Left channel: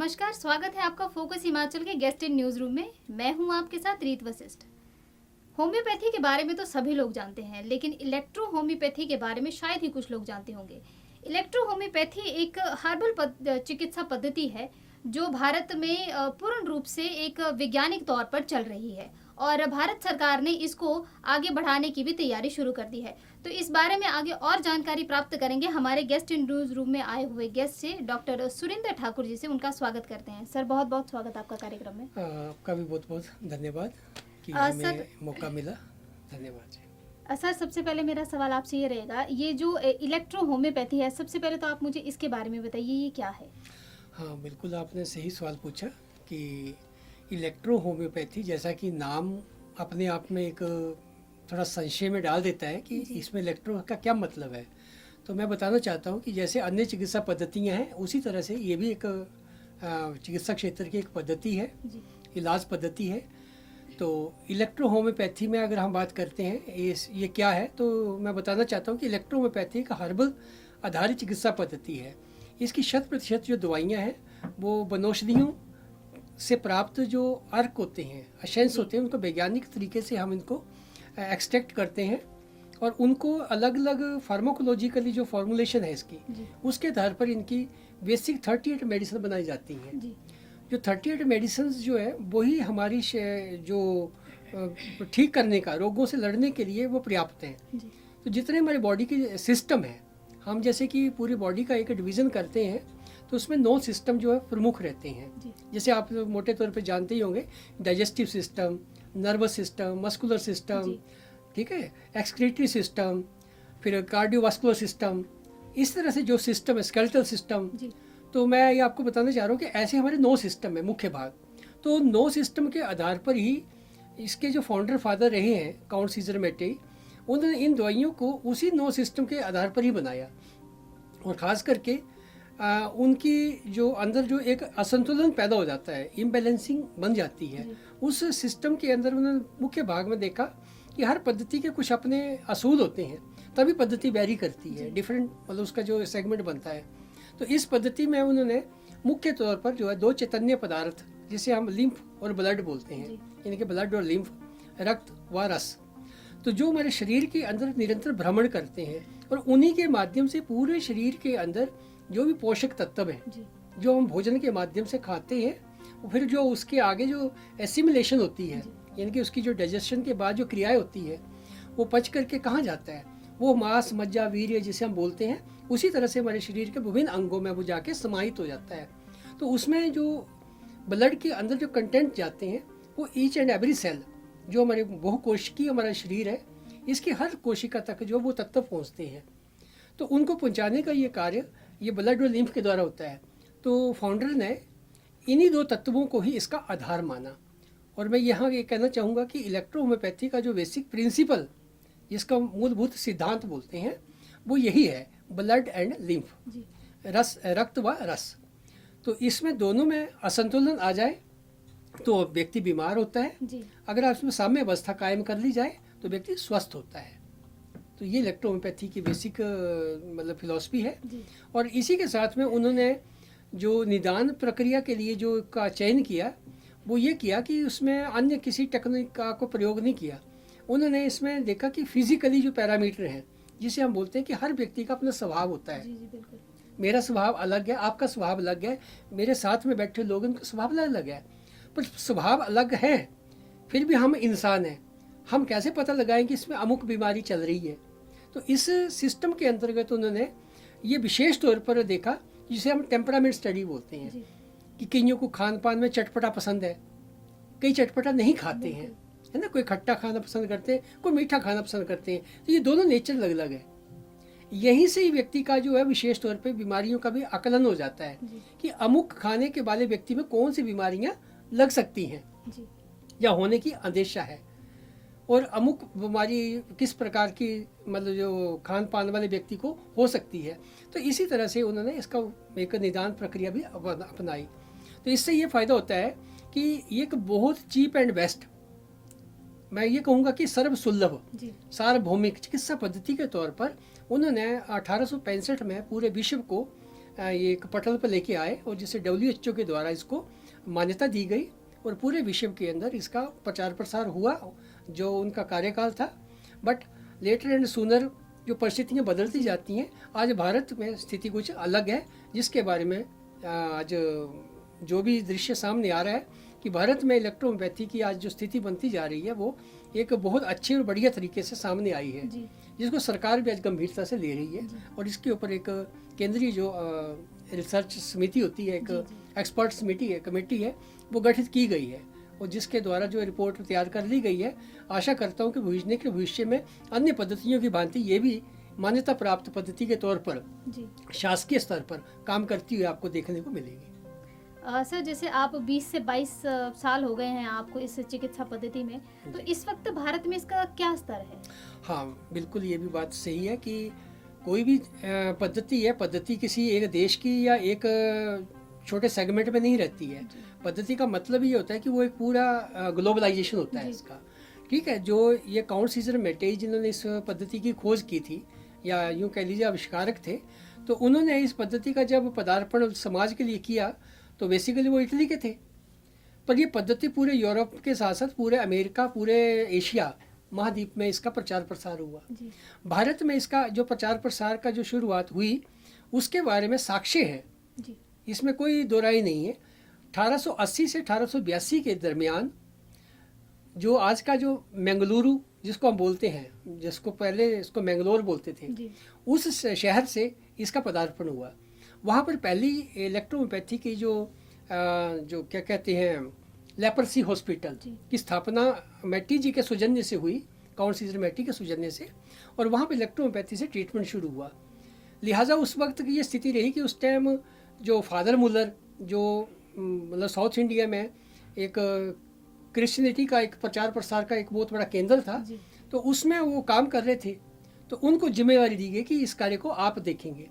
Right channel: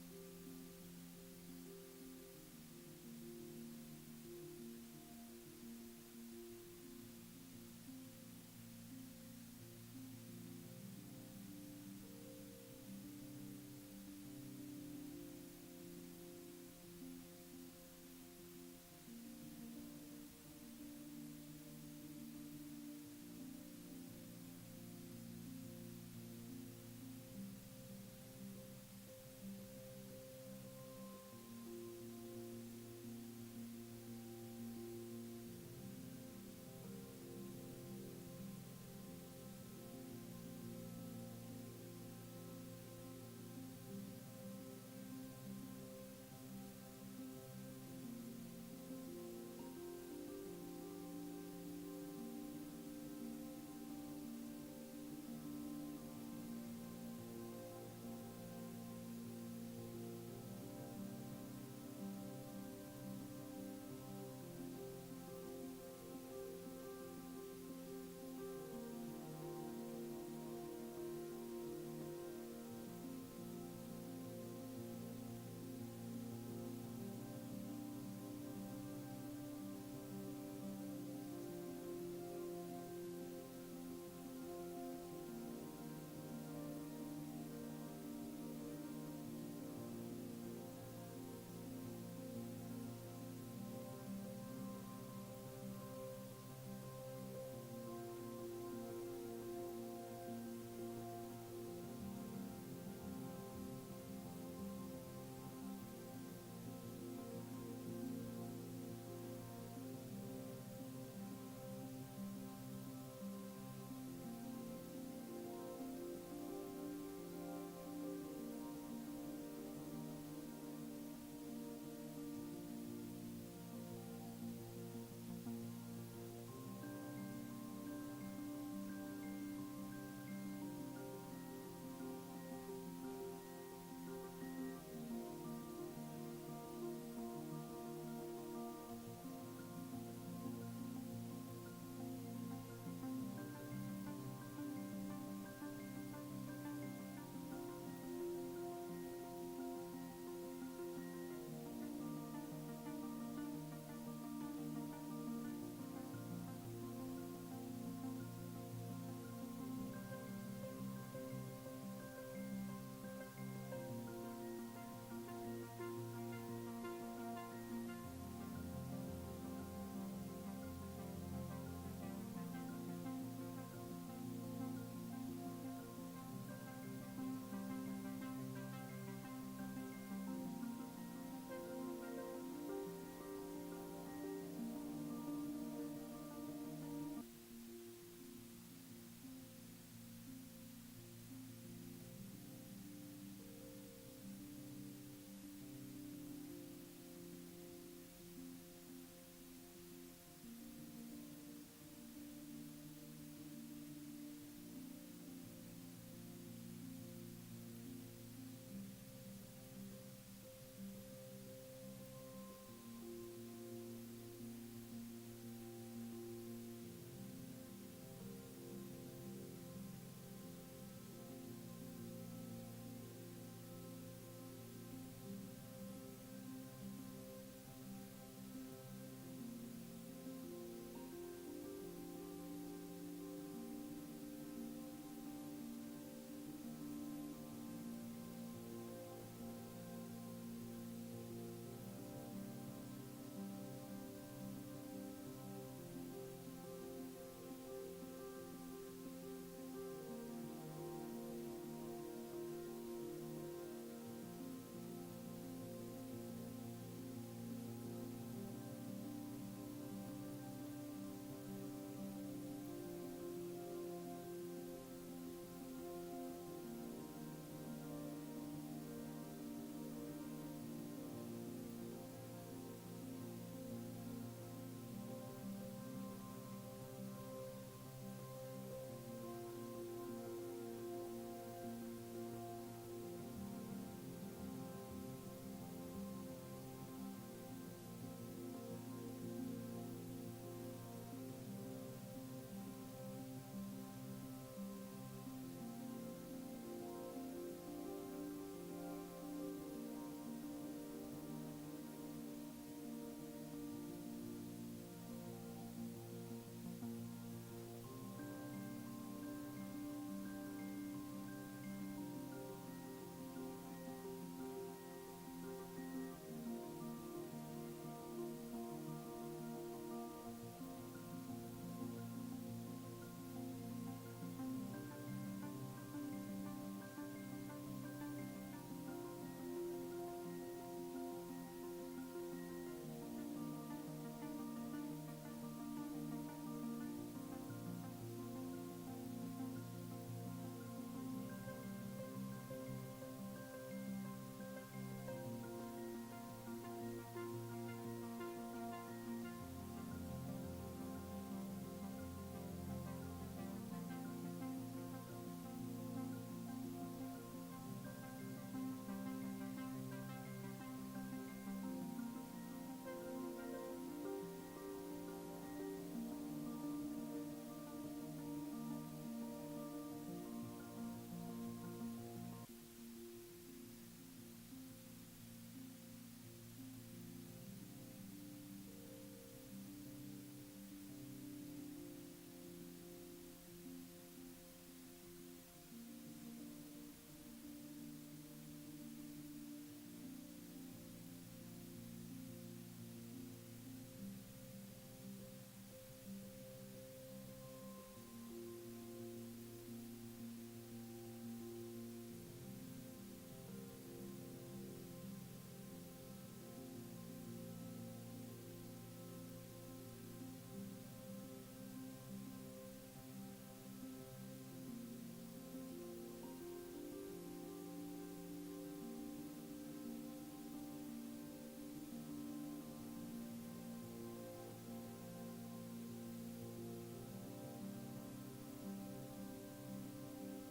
नमस्कार, स्वागत है आपका फोकस हिमाचल के गेस्ट इन न्यूज रूम में। मैं हूं आपके साथ रीत वशिष्ठ। होम्योपैथी के बारे में तो सभी लोग जानते हैं, लेकिन इलेक्ट्रो होम्योपैथी के बारे में शायद ही कुछ लोग जानते होंगे। इलेक्ट्रो होम्योपैथी एक हर्बल चिकित्सा पद्धति है जो भारत में पूर्ण रूप से एक वैज्ञानिक तौर पर चल रही है और भारत सरकार ने इसको आगे बढ़ाने की भी तैयारी शुरू कर दी है। तो इस बारे में आगे और जानकारी प्राप्त करेंगे हमारे गेस्ट इन न्यूज रूम में आए हुए गेस्ट से, डॉक्टर सुरेंद्र ठाकुर जी से। उनका स्वागत करते हैं। सर, बहुत बहुत स्वागत आपका कार्यक्रम में। आपका भी बहुत बहुत धन्यवाद कि सर, हमें मौका मिला। धन्यवाद जी। सर, सबसे पहले मेरा सवाल आपसे ये रहेगा, ये जो इलेक्ट्रो होम्योपैथी है, सबसे पहले तो आप मुझे इसके बारे में बताइए, ये क्या है? हाँ, बिल्कुल आपने सही सवाल पूछा कि इलेक्ट्रो होम्योपैथी, जैसा कि नाम अपने आप में एक थोड़ा संशय में डाल देता है कि इसमें इलेक्ट्रो का क्या मतलब है। तो मैं बताना चाहता हूँ कि जैसे अन्य चिकित्सा पद्धतियाँ हैं, उसी तरह से ये भी एक चिकित्सा क्षेत्र की एक पद्धति है, इलाज पद्धति है। तो इलेक्ट्रो होम्योपैथी में अगर हम बात करते हैं ये क्या है, तो मैं बताना चाहता हूँ कि इलेक्ट्रो होम्योपैथी एक हर्बल आधारित चिकित्सा पद्धति है। इसकी 100% जो दवाइयाँ हैं वो वनौषधियों से प्राप्त जो अर्क होते हैं, एसेंस होते हैं, उनको वैज्ञानिक तरीके से हम इनको एक्सट्रैक्ट करते हैं और उनको अलग अलग फार्माकोलॉजिकली जो फॉर्मुलेशन है इसकी, उसके आधार पर इनकी बेसिक 38 मेडिसिन बनाई जाती हैं। जो 38 मेडिसिन जो है वही हमारी जो ठीक करने का, रोगों से लड़ने के लिए वो पर्याप्त हैं। तो जितने हमारी बॉडी के सिस्टम है, हम जैसे कि पूरी बॉडी का एक डिवीज़न करते हैं, तो उसमें 9 सिस्टम जो है प्रमुख रहते हैं। जैसे आप मोटे तौर पे जानते ही होंगे, digestive system, nervous system, muscular system, ठीक है, एक्सक्रीटरी सिस्टम, फिर कार्डियोवास्कुलर सिस्टम, इस तरह से जो सिस्टम है, स्केलेटल सिस्टम। तो मैं ये आपको बताना चाह रहा हूँ कि ऐसे हमारे 9 सिस्टम है मुख्य भाग। तो 9 सिस्टम के आधार पर ही इसके जो फाउंडर फादर रहे हैं, काउंट सीजर मेटे, उन्होंने इन दवाइयों को उसी 9 सिस्टम के आधार पर ही बनाया। और ख़ास करके उनकी जो अंदर जो एक असंतुलन पैदा हो जाता है, इम्बैलेंसिंग बन जाती है, उस सिस्टम के अंदर उन्होंने मुख्य भाग में देखा कि हर पद्धति के कुछ अपने असूल होते हैं, तभी पद्धति वैरी करती है, डिफरेंट मतलब उसका जो सेगमेंट बनता है। तो इस पद्धति में उन्होंने मुख्य तौर पर जो है 2 चैतन्य पदार्थ, जिसे हम लिम्फ और ब्लड बोलते हैं, यानी कि ब्लड और लिम्फ, रक्त व रस, तो जो हमारे शरीर के अंदर निरंतर भ्रमण करते हैं और उन्हीं के माध्यम से पूरे शरीर के अंदर जो भी पोषक तत्व हैं, जो हम भोजन के माध्यम से खाते हैं, फिर जो उसके आगे जो एसिमिलेशन होती है, यानी कि उसकी जो डाइजेशन के बाद जो क्रियाएं होती है, वो पच करके कहाँ जाता है, वो मांस, मज्जा, वीर्य जिसे हम बोलते हैं, उसी तरह से हमारे शरीर के विभिन्न अंगों में वो जाके समाहित हो जाता है। तो उसमें जो ब्लड के अंदर जो कंटेंट जाते हैं, वो ईच एंड एवरी सेल, जो हमारे बहुकोशिकीय हमारा शरीर है, इसकी हर कोशिका तक जो वो तत्व पहुँचते हैं, तो उनको पहुँचाने का ये कार्य ये ब्लड और लिम्फ के द्वारा होता है। तो फाउंडर ने इन्हीं 2 तत्वों को ही इसका आधार माना। और मैं यहाँ ये कहना चाहूँगा कि इलेक्ट्रो होम्योपैथी का जो बेसिक प्रिंसिपल, जिसका मूलभूत सिद्धांत बोलते हैं, वो यही है, ब्लड एंड लिम्फ, रस, रक्त व रस। तो इसमें दोनों में असंतुलन आ जाए तो व्यक्ति बीमार होता है, अगर आप इसमें साम्य अवस्था कायम कर ली जाए तो व्यक्ति स्वस्थ होता है। तो ये इलेक्ट्रो होम्योपैथी की बेसिक मतलब फिलॉसफी है। और इसी के साथ में उन्होंने जो निदान प्रक्रिया के लिए जो का चयन किया, वो ये किया कि उसमें अन्य किसी टेक्निक का को प्रयोग नहीं किया। उन्होंने इसमें देखा कि फिजिकली जो पैरामीटर हैं, जिसे हम बोलते हैं कि हर व्यक्ति का अपना स्वभाव होता है। मेरा स्वभाव अलग है, आपका स्वभाव अलग है, मेरे साथ में बैठे लोगों का स्वभाव अलग है, पर स्वभाव अलग है, फिर भी हम इंसान हैं। हम कैसे पता लगाएं कि इसमें अमुक बीमारी चल रही है? तो इस सिस्टम के अंतर्गत उन्होंने ये विशेष तौर पर देखा, जिसे हम टेम्परामेंट स्टडी बोलते हैं, कि कईयों को खान पान में चटपटा पसंद है, कई चटपटा नहीं खाते हैं, है ना, कोई खट्टा खाना पसंद करते हैं, कोई मीठा खाना पसंद करते हैं। तो ये दोनों नेचर अलग अलग है। यहीं से ही व्यक्ति का जो है विशेष तौर पे बीमारियों का भी आकलन हो जाता है कि अमुक खाने के वाले व्यक्ति में कौन सी बीमारियां लग सकती हैं या होने की अंदेशा है, और अमुक बीमारी किस प्रकार की मतलब जो खान पान वाले व्यक्ति को हो सकती है। तो इसी तरह से उन्होंने इसका एक निदान प्रक्रिया भी अपनाई। तो इससे ये फ़ायदा होता है कि ये एक बहुत चीप एंड बेस्ट, मैं ये कहूँगा कि सर्वसुलभ सार्वभौमिक चिकित्सा पद्धति के तौर पर उन्होंने 1865 में पूरे विश्व को ये एक पटल पर लेके आए और जिसे WHO के द्वारा इसको मान्यता दी गई और पूरे विश्व के अंदर इसका प्रचार प्रसार हुआ जो उनका कार्यकाल था। बट लेटर एंड सूनर जो परिस्थितियाँ बदलती जाती हैं, आज भारत में स्थिति कुछ अलग है, जिसके बारे में आज जो भी दृश्य सामने आ रहा है कि भारत में इलेक्ट्रोहोम्योपैथी की आज जो स्थिति बनती जा रही है वो एक बहुत अच्छी और बढ़िया तरीके से सामने आई है, जिसको सरकार भी आज गंभीरता से ले रही है। और इसके ऊपर एक केंद्रीय जो रिसर्च समिति होती है, एक एक्सपर्ट कमेटी है, वो गठित की गई है और जिसके द्वारा जो रिपोर्ट तैयार कर ली गई है। आशा करता हूँ कि भविष्य में अन्य पद्धतियों की भांति ये भी मान्यता प्राप्त पद्धति के तौर पर शासकीय स्तर पर काम करती हुई आपको देखने को मिलेगी। सर, जैसे आप 20 से 22 साल हो गए हैं आपको इस चिकित्सा पद्धति में, तो इस वक्त भारत में इसका क्या स्तर है? हाँ, बिल्कुल ये भी बात सही है कि कोई भी पद्धति किसी एक देश की या एक छोटे सेगमेंट में नहीं रहती है। पद्धति का मतलब ये होता है कि वो एक पूरा ग्लोबलाइजेशन होता है इसका। ठीक है, जो ये काउंट सीजर मेटेज जिन्होंने इस पद्धति की खोज की थी या यूँ कह लीजिए आविष्कारक थे, तो उन्होंने इस पद्धति का जब पदार्पण समाज के लिए किया तो बेसिकली वो इटली के थे। पर ये पद्धति पूरे यूरोप के साथ साथ पूरे अमेरिका, पूरे एशिया महाद्वीप में इसका प्रचार प्रसार हुआ। भारत में इसका जो प्रचार प्रसार का जो शुरुआत हुई उसके बारे में साक्ष्य है, इसमें कोई दो राय नहीं है। 1880 से 1882 के दरमियान जो आज का जो मंगलुरु जिसको हम बोलते हैं, जिसको पहले इसको मैंगलोर बोलते थे, उस शहर से इसका पदार्पण हुआ। वहाँ पर पहली इलेक्ट्रोहोम्योपैथी की जो क्या कहते हैं लेपर्सी हॉस्पिटल की स्थापना मैटी जी के सौजन्य से हुई, काउंट सीजर मैटी के सौजन्य से, और वहाँ पर इलेक्ट्रोहोम्योपैथी से ट्रीटमेंट शुरू हुआ। लिहाजा उस वक्त की ये स्थिति रही कि उस टाइम जो फादर मुलर जो मतलब साउथ इंडिया में एक क्रिश्चियनिटी का एक प्रचार प्रसार का एक बहुत बड़ा केंद्र था, तो उसमें वो काम कर रहे थे, तो उनको जिम्मेवारी दी गई कि इस कार्य को आप देखेंगे।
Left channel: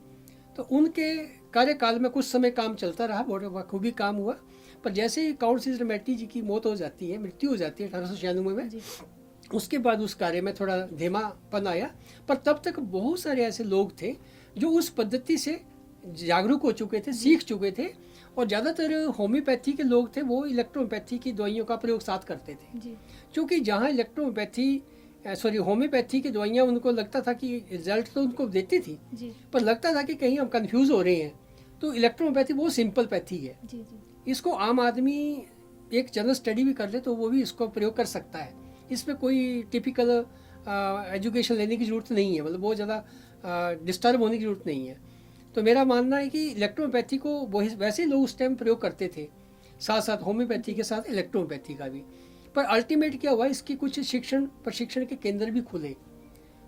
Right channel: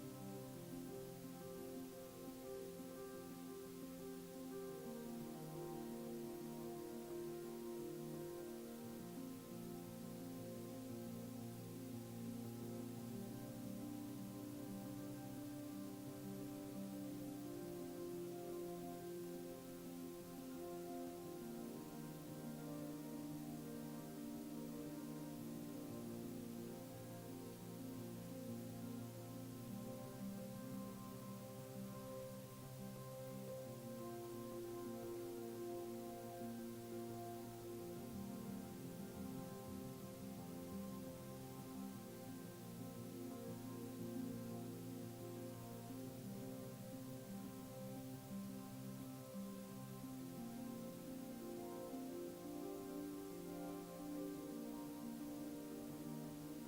तो उनके कार्यकाल में कुछ समय काम चलता रहा, बहुत बखूबी काम हुआ। पर जैसे ही काउंट सीजर मैटी जी की मृत्यु हो जाती है 1896 में, उसके बाद उस कार्य में थोड़ा धीमापन आया। पर तब तक बहुत सारे ऐसे लोग थे जो उस पद्धति से जागरूक हो चुके थे, सीख चुके थे, और ज़्यादातर होम्योपैथी के लोग थे वो इलेक्ट्रोहोम्योपैथी की दवाइयों का प्रयोग साथ करते थे। क्योंकि जहाँ होम्योपैथी की दवाइयाँ उनको लगता था कि रिजल्ट तो उनको देती थी, पर लगता था कि कहीं हम कंफ्यूज हो रहे हैं, तो इलेक्ट्रोहोम्योपैथी बहुत सिंपल पैथी है। इसको आम आदमी एक जनरल स्टडी भी कर ले तो वो भी इसको प्रयोग कर सकता है। इसमें कोई टिपिकल एजुकेशन लेने की ज़रूरत नहीं है, मतलब बहुत ज़्यादा डिस्टर्ब होने की ज़रूरत नहीं है। तो मेरा मानना है कि इलेक्ट्रोहोम्योपैथी को वैसे ही लोग उस टाइम प्रयोग करते थे, साथ साथ होम्योपैथी के साथ इलेक्ट्रोहोम्योपैथी का भी। पर अल्टीमेट क्या हुआ, इसकी कुछ प्रशिक्षण के केंद्र भी खुले।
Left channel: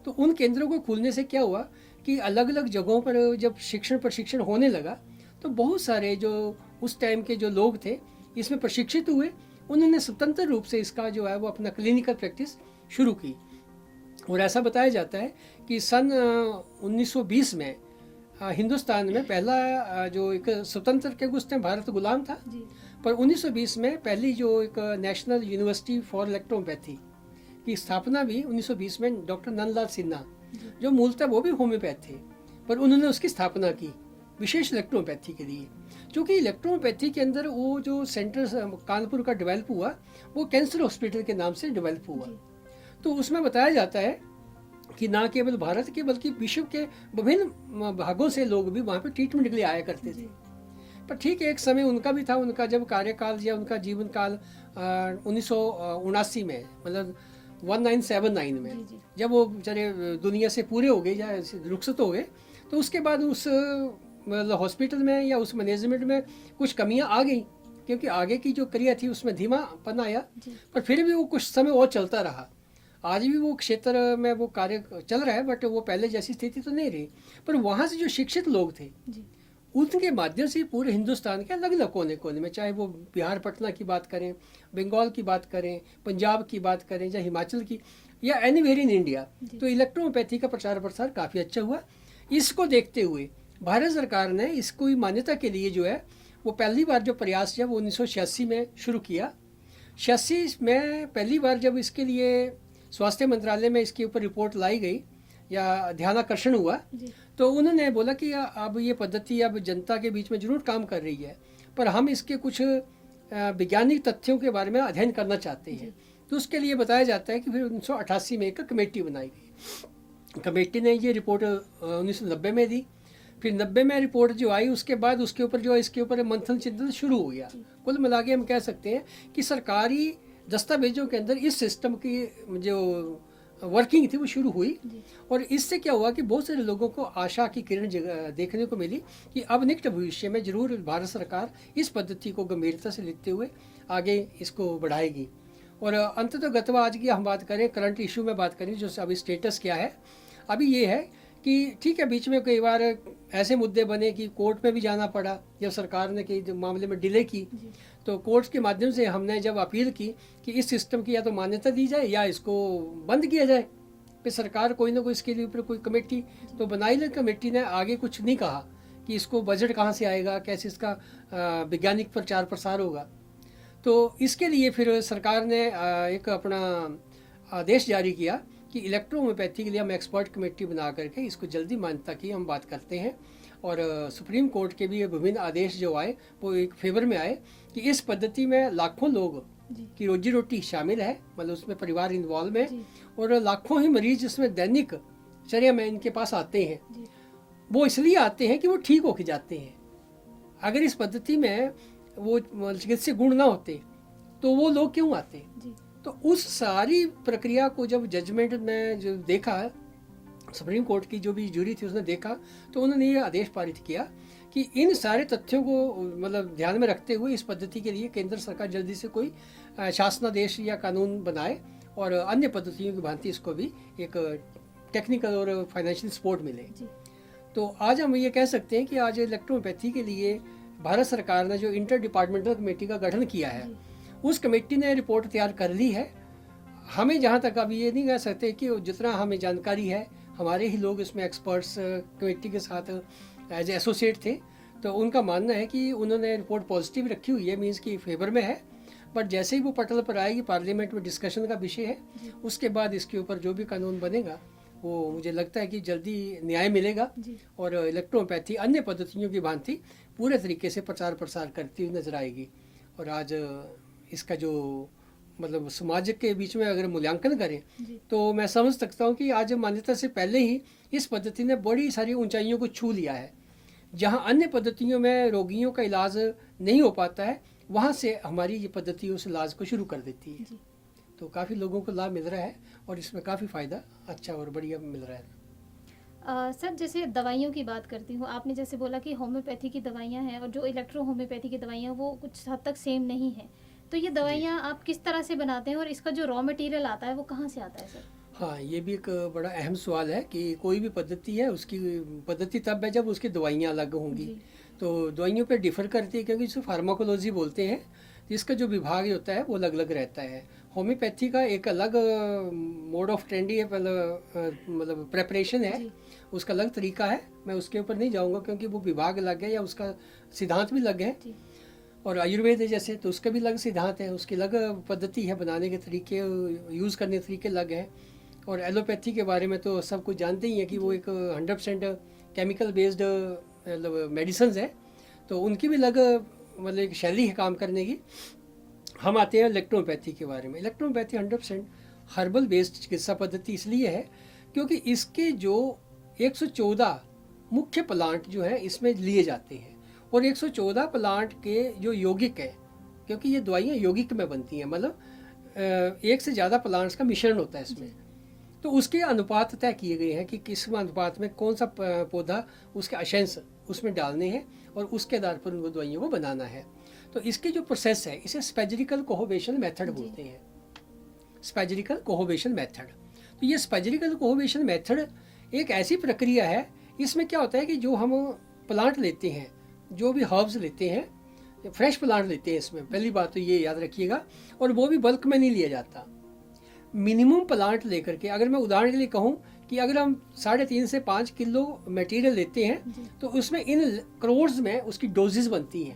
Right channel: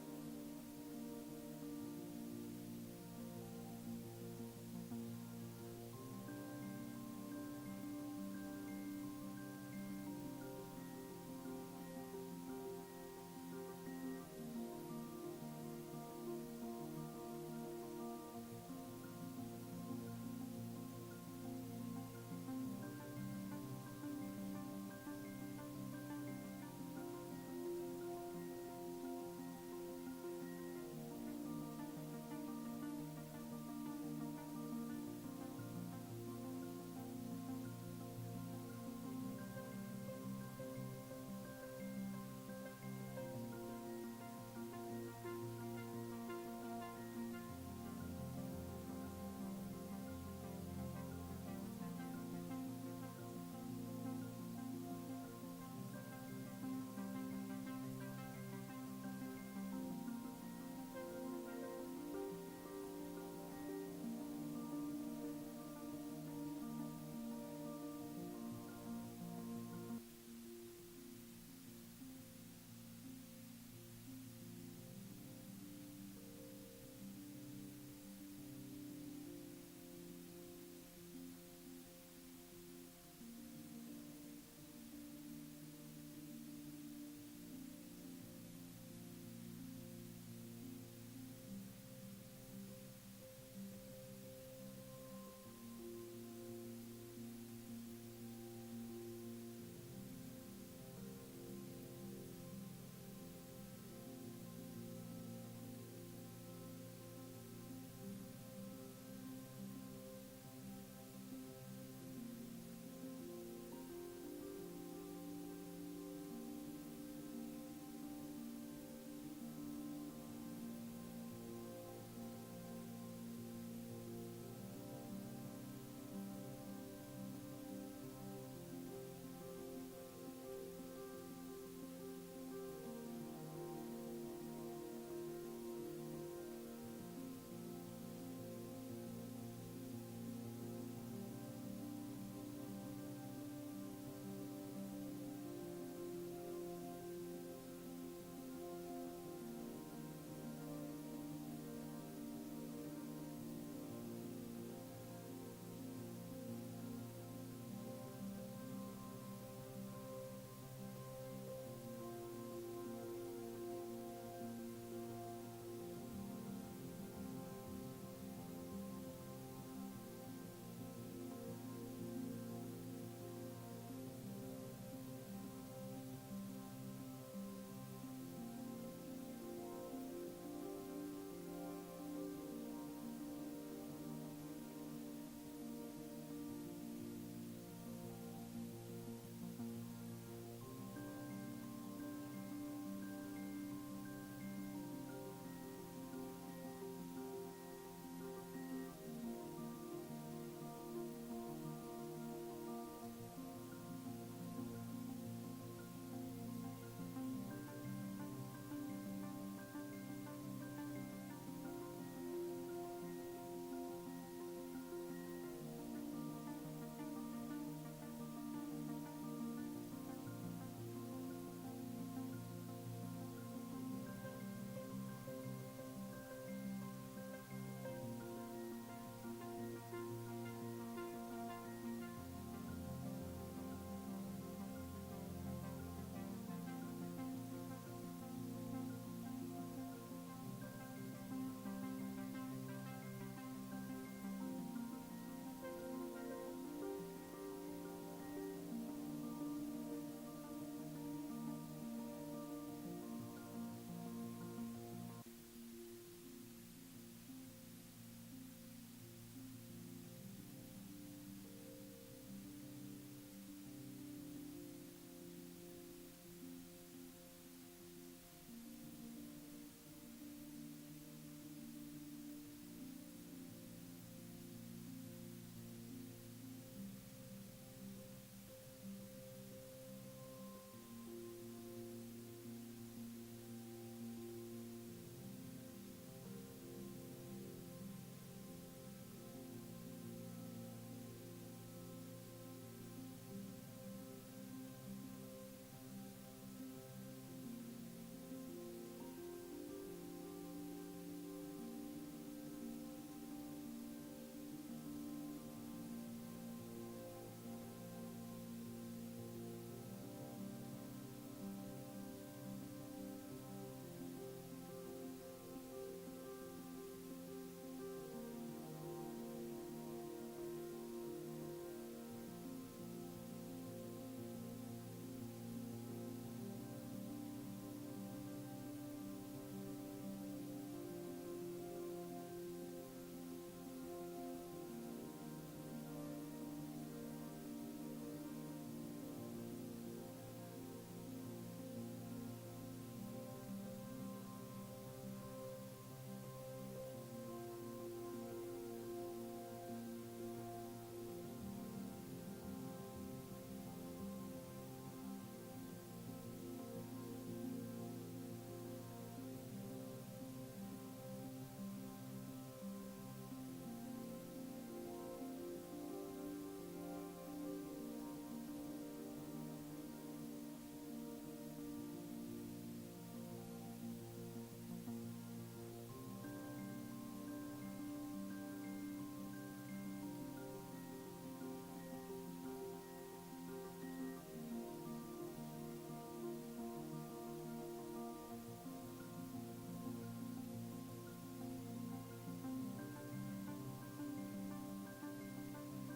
तो उन केंद्रों को खुलने से क्या हुआ कि अलग अलग जगहों पर जब प्रशिक्षण होने लगा, तो बहुत सारे जो उस टाइम के जो लोग थे इसमें प्रशिक्षित हुए, उन्होंने स्वतंत्र रूप से इसका जो है वो अपना क्लिनिकल प्रैक्टिस शुरू की। और ऐसा बताया जाता है कि सन 1920 में हिंदुस्तान में पहला जो एक स्वतंत्र के उस टाइम भारत गुलाम था, पर 1920 में पहली जो एक नेशनल यूनिवर्सिटी फॉर इलेक्ट्रोहोम्योपैथी की स्थापना भी 1920 में डॉक्टर नंदलाल सिन्हा, जो मूलतः वो भी होम्योपैथ थे, पर उन्होंने उसकी स्थापना की विशेष इलेक्ट्रोहोम्योपैथी के लिए। क्योंकि इलेक्ट्रोहोम्योपैथी के अंदर वो जो सेंटर कानपुर का डेवलप हुआ वो कैंसर हॉस्पिटल के नाम से डेवलप हुआ। तो उसमें बताया जाता है कि ना केवल भारत के बल्कि विश्व के विभिन्न भागों से लोग भी वहाँ पे ट्रीटमेंट के लिए आया करते थे। पर ठीक एक समय उनका भी था, उनका जब कार्यकाल या उनका जीवन काल 1979 में, मतलब 1979 में जब वो बेचारे दुनिया से पूरे हो गए या रुखसत हो गए, तो उसके बाद उस मतलब हॉस्पिटल में या उस मैनेजमेंट में कुछ कमियां आ गई, क्योंकि आगे की जो क्रिया थी उसमें धीमापन आया। पर फिर भी वो कुछ समय और चलता रहा। आज भी वो क्षेत्र में वो कार्य चल रहा है, बट वो पहले जैसी स्थिति तो नहीं रही। पर वहाँ से जो शिक्षित लोग थे उनके माध्यम से पूरे हिंदुस्तान के अलग अलग कोने कोने में, चाहे वो बिहार पटना की बात करें, बंगाल की बात करें, पंजाब की बात करें, या हिमाचल की, या एनीवेयर इन इंडिया, तो इलेक्ट्रोहोम्योपैथी का प्रचार प्रसार काफ़ी अच्छा हुआ। इसको देखते हुए भारत सरकार ने इसको मान्यता के लिए जो है वो पहली बार जो प्रयास जब 1986 में शुरू किया, 86 में पहली बार जब इसके लिए स्वास्थ्य मंत्रालय में इसके ऊपर रिपोर्ट लाई गई, या ध्यानाकर्षण हुआ, जी तो उन्होंने बोला कि अब ये पद्धति अब जनता के बीच में जरूर काम कर रही है, पर हम इसके कुछ वैज्ञानिक तथ्यों के बारे में अध्ययन करना चाहते हैं। तो उसके लिए बताया जाता है कि फिर 1988 में एक कमेटी बनाई गई। कमेटी ने ये रिपोर्ट 1990 में दी। फिर 90 में रिपोर्ट जो आई, उसके बाद उसके ऊपर जो इसके ऊपर मंथन चिंतन शुरू हो गया। कुल मिला के हम कह सकते हैं कि सरकारी दस्तावेजों के अंदर इस सिस्टम की जो वर्किंग थी वो शुरू हुई, और इससे क्या हुआ कि बहुत सारे लोगों को आशा की किरण देखने को मिली कि अब निकट भविष्य में जरूर भारत सरकार इस पद्धति को गंभीरता से लेते हुए आगे इसको बढ़ाएगी। और अंततः गतवा आज की हम बात करें, करंट इशू में बात करें, जो अभी स्टेटस क्या है, अभी ये है कि ठीक है, बीच में कई बार ऐसे मुद्दे बने कि कोर्ट में भी जाना पड़ा, जब सरकार ने कई मामले में डिले की, तो कोर्ट के माध्यम से हमने जब अपील की कि इस सिस्टम की या तो मान्यता दी जाए या इसको बंद किया जाए, फिर सरकार कोई ना कोई इसके लिए ऊपर कोई कमेटी तो बनाई, ले कमेटी ने आगे कुछ नहीं कहा कि इसको बजट कहाँ से आएगा, कैसे इसका वैज्ञानिक प्रचार प्रसार होगा। तो इसके लिए फिर सरकार ने एक अपना आदेश जारी किया कि इलेक्ट्रोहोम्योपैथी के लिए हम एक्सपर्ट कमेटी बना करके इसको जल्दी मान्यता की हम बात करते हैं। और सुप्रीम कोर्ट के भी विभिन्न आदेश जो आए वो एक फेवर में आए कि इस पद्धति में लाखों लोग की रोजी रोटी शामिल है, मतलब उसमें परिवार इन्वॉल्व है, और लाखों ही मरीज इसमें दैनिक चर्या में इनके पास आते हैं। वो इसलिए आते हैं कि वो ठीक होके जाते हैं। अगर इस पद्धति में वो चिकित्सीय गुण ना होते तो वो लोग क्यों आते? तो उस सारी प्रक्रिया को जब जजमेंट ने जो देखा, सुप्रीम कोर्ट की जो भी जूरी थी उसने देखा, तो उन्होंने ये आदेश पारित किया कि इन सारे तथ्यों को मतलब ध्यान में रखते हुए इस पद्धति के लिए केंद्र सरकार जल्दी से कोई शासनादेश या कानून बनाए और अन्य पद्धतियों की भांति इसको भी एक टेक्निकल और फाइनेंशियल सपोर्ट मिले। तो आज हम ये कह सकते हैं कि आज इलेक्ट्रोपैथी के लिए भारत सरकार ने जो इंटर डिपार्टमेंटल कमेटी का गठन किया है, उस कमेटी ने रिपोर्ट तैयार कर ली है। हमें जहाँ तक अभी ये नहीं कह सकते कि जितना हमें जानकारी है, हमारे ही लोग इसमें एक्सपर्ट्स कमेटी के साथ एज एसोसिएट थे, तो उनका मानना है कि उन्होंने रिपोर्ट पॉजिटिव रखी हुई है, मीन्स की फेवर में है। बट जैसे ही वो पटल पर आएगी, पार्लियामेंट में डिस्कशन का विषय है, उसके बाद इसके ऊपर जो भी कानून बनेगा वो मुझे लगता है कि जल्दी न्याय मिलेगा और इलेक्ट्रोपैथी अन्य पद्धतियों की भांति पूरे तरीके से प्रचार प्रसार करती हुई नजर आएगी। और आज इसका जो मतलब समाज के बीच में अगर मूल्यांकन करें तो मैं समझ सकता हूँ कि आज मान्यता से पहले ही इस पद्धति ने बड़ी सारी ऊंचाइयों को छू लिया है। जहाँ अन्य पद्धतियों में रोगियों का इलाज नहीं हो पाता है, वहाँ से हमारी ये पद्धति उस इलाज को शुरू कर देती है। तो काफ़ी लोगों को लाभ मिल रहा है और इसमें काफ़ी फ़ायदा अच्छा और बढ़िया मिल रहा है। सर, जैसे दवाइयों की बात करती हूँ, आपने जैसे बोला कि होम्योपैथी की दवाइयाँ हैं और जो इलेक्ट्रो होम्योपैथी की दवाइयाँ वो कुछ हद तक सेम नहीं है, तो ये दवाइयाँ आप किस तरह से बनाते हैं और इसका जो रॉ मटेरियल आता है वो कहाँ से आता है सर? हाँ, ये भी एक बड़ा अहम सवाल है कि कोई भी पद्धति है, उसकी पद्धति तब है जब उसकी दवाइयाँ अलग होंगी। तो दवाइयों पे डिफ़र करती है, क्योंकि इसे फार्माकोलॉजी बोलते हैं, जिसका जो विभाग होता है वो अलग अलग रहता है। होम्योपैथी का एक अलग मोड ऑफ ट्रेंडी है, मतलब प्रेपरेशन है, उसका अलग तरीका है। मैं उसके ऊपर नहीं जाऊंगा क्योंकि वो विभाग अलग है या उसका सिद्धांत भी अलग है। और आयुर्वेद है जैसे, तो उसका भी अलग सिद्धांत है, उसकी अलग पद्धति है, बनाने के तरीके, यूज़ करने के तरीके अलग हैं। और एलोपैथी के बारे में तो सब कुछ जानते ही हैं कि वो एक 100% केमिकल बेस्ड मेडिसिन है, तो उनकी भी अलग मतलब एक शैली है काम करने की। हम आते हैं इलेक्ट्रोपैथी के बारे में। इलेक्ट्रोपैथी 100% हर्बल बेस्ड चिकित्सा पद्धति इसलिए है क्योंकि इसके जो 114 मुख्य प्लांट जो है इसमें लिए जाते हैं, और 114 प्लांट के जो यौगिक हैं, क्योंकि ये दवाइयाँ यौगिक में बनती हैं, मतलब एक से ज़्यादा प्लांट्स का मिश्रण होता है इसमें, तो उसके अनुपात तय किए गए हैं कि किस अनुपात में कौन सा पौधा, उसके अशंस उसमें डालने हैं और उसके आधार पर उन दवाइयों को बनाना है। तो इसके जो प्रोसेस है इसे स्पैजेरिकल कोहोवेशन मेथड बोलते हैं, स्पैजेरिकल कोहोवेशन मेथड। तो ये स्पैजेरिकल कोहोवेशन मेथड एक ऐसी प्रक्रिया है, इसमें क्या होता है कि जो हम प्लांट लेते हैं, जो भी हर्ब्स लेते हैं, फ्रेश प्लांट लेते हैं, इसमें पहली बात तो ये याद रखिएगा, और वो भी बल्क में नहीं लिया जाता। मिनिमम प्लांट लेकर के, अगर मैं उदाहरण के लिए कहूँ कि अगर हम 3.5 से 5 किलो मटेरियल लेते हैं तो उसमें इन करोड्स में उसकी डोजेज बनती हैं,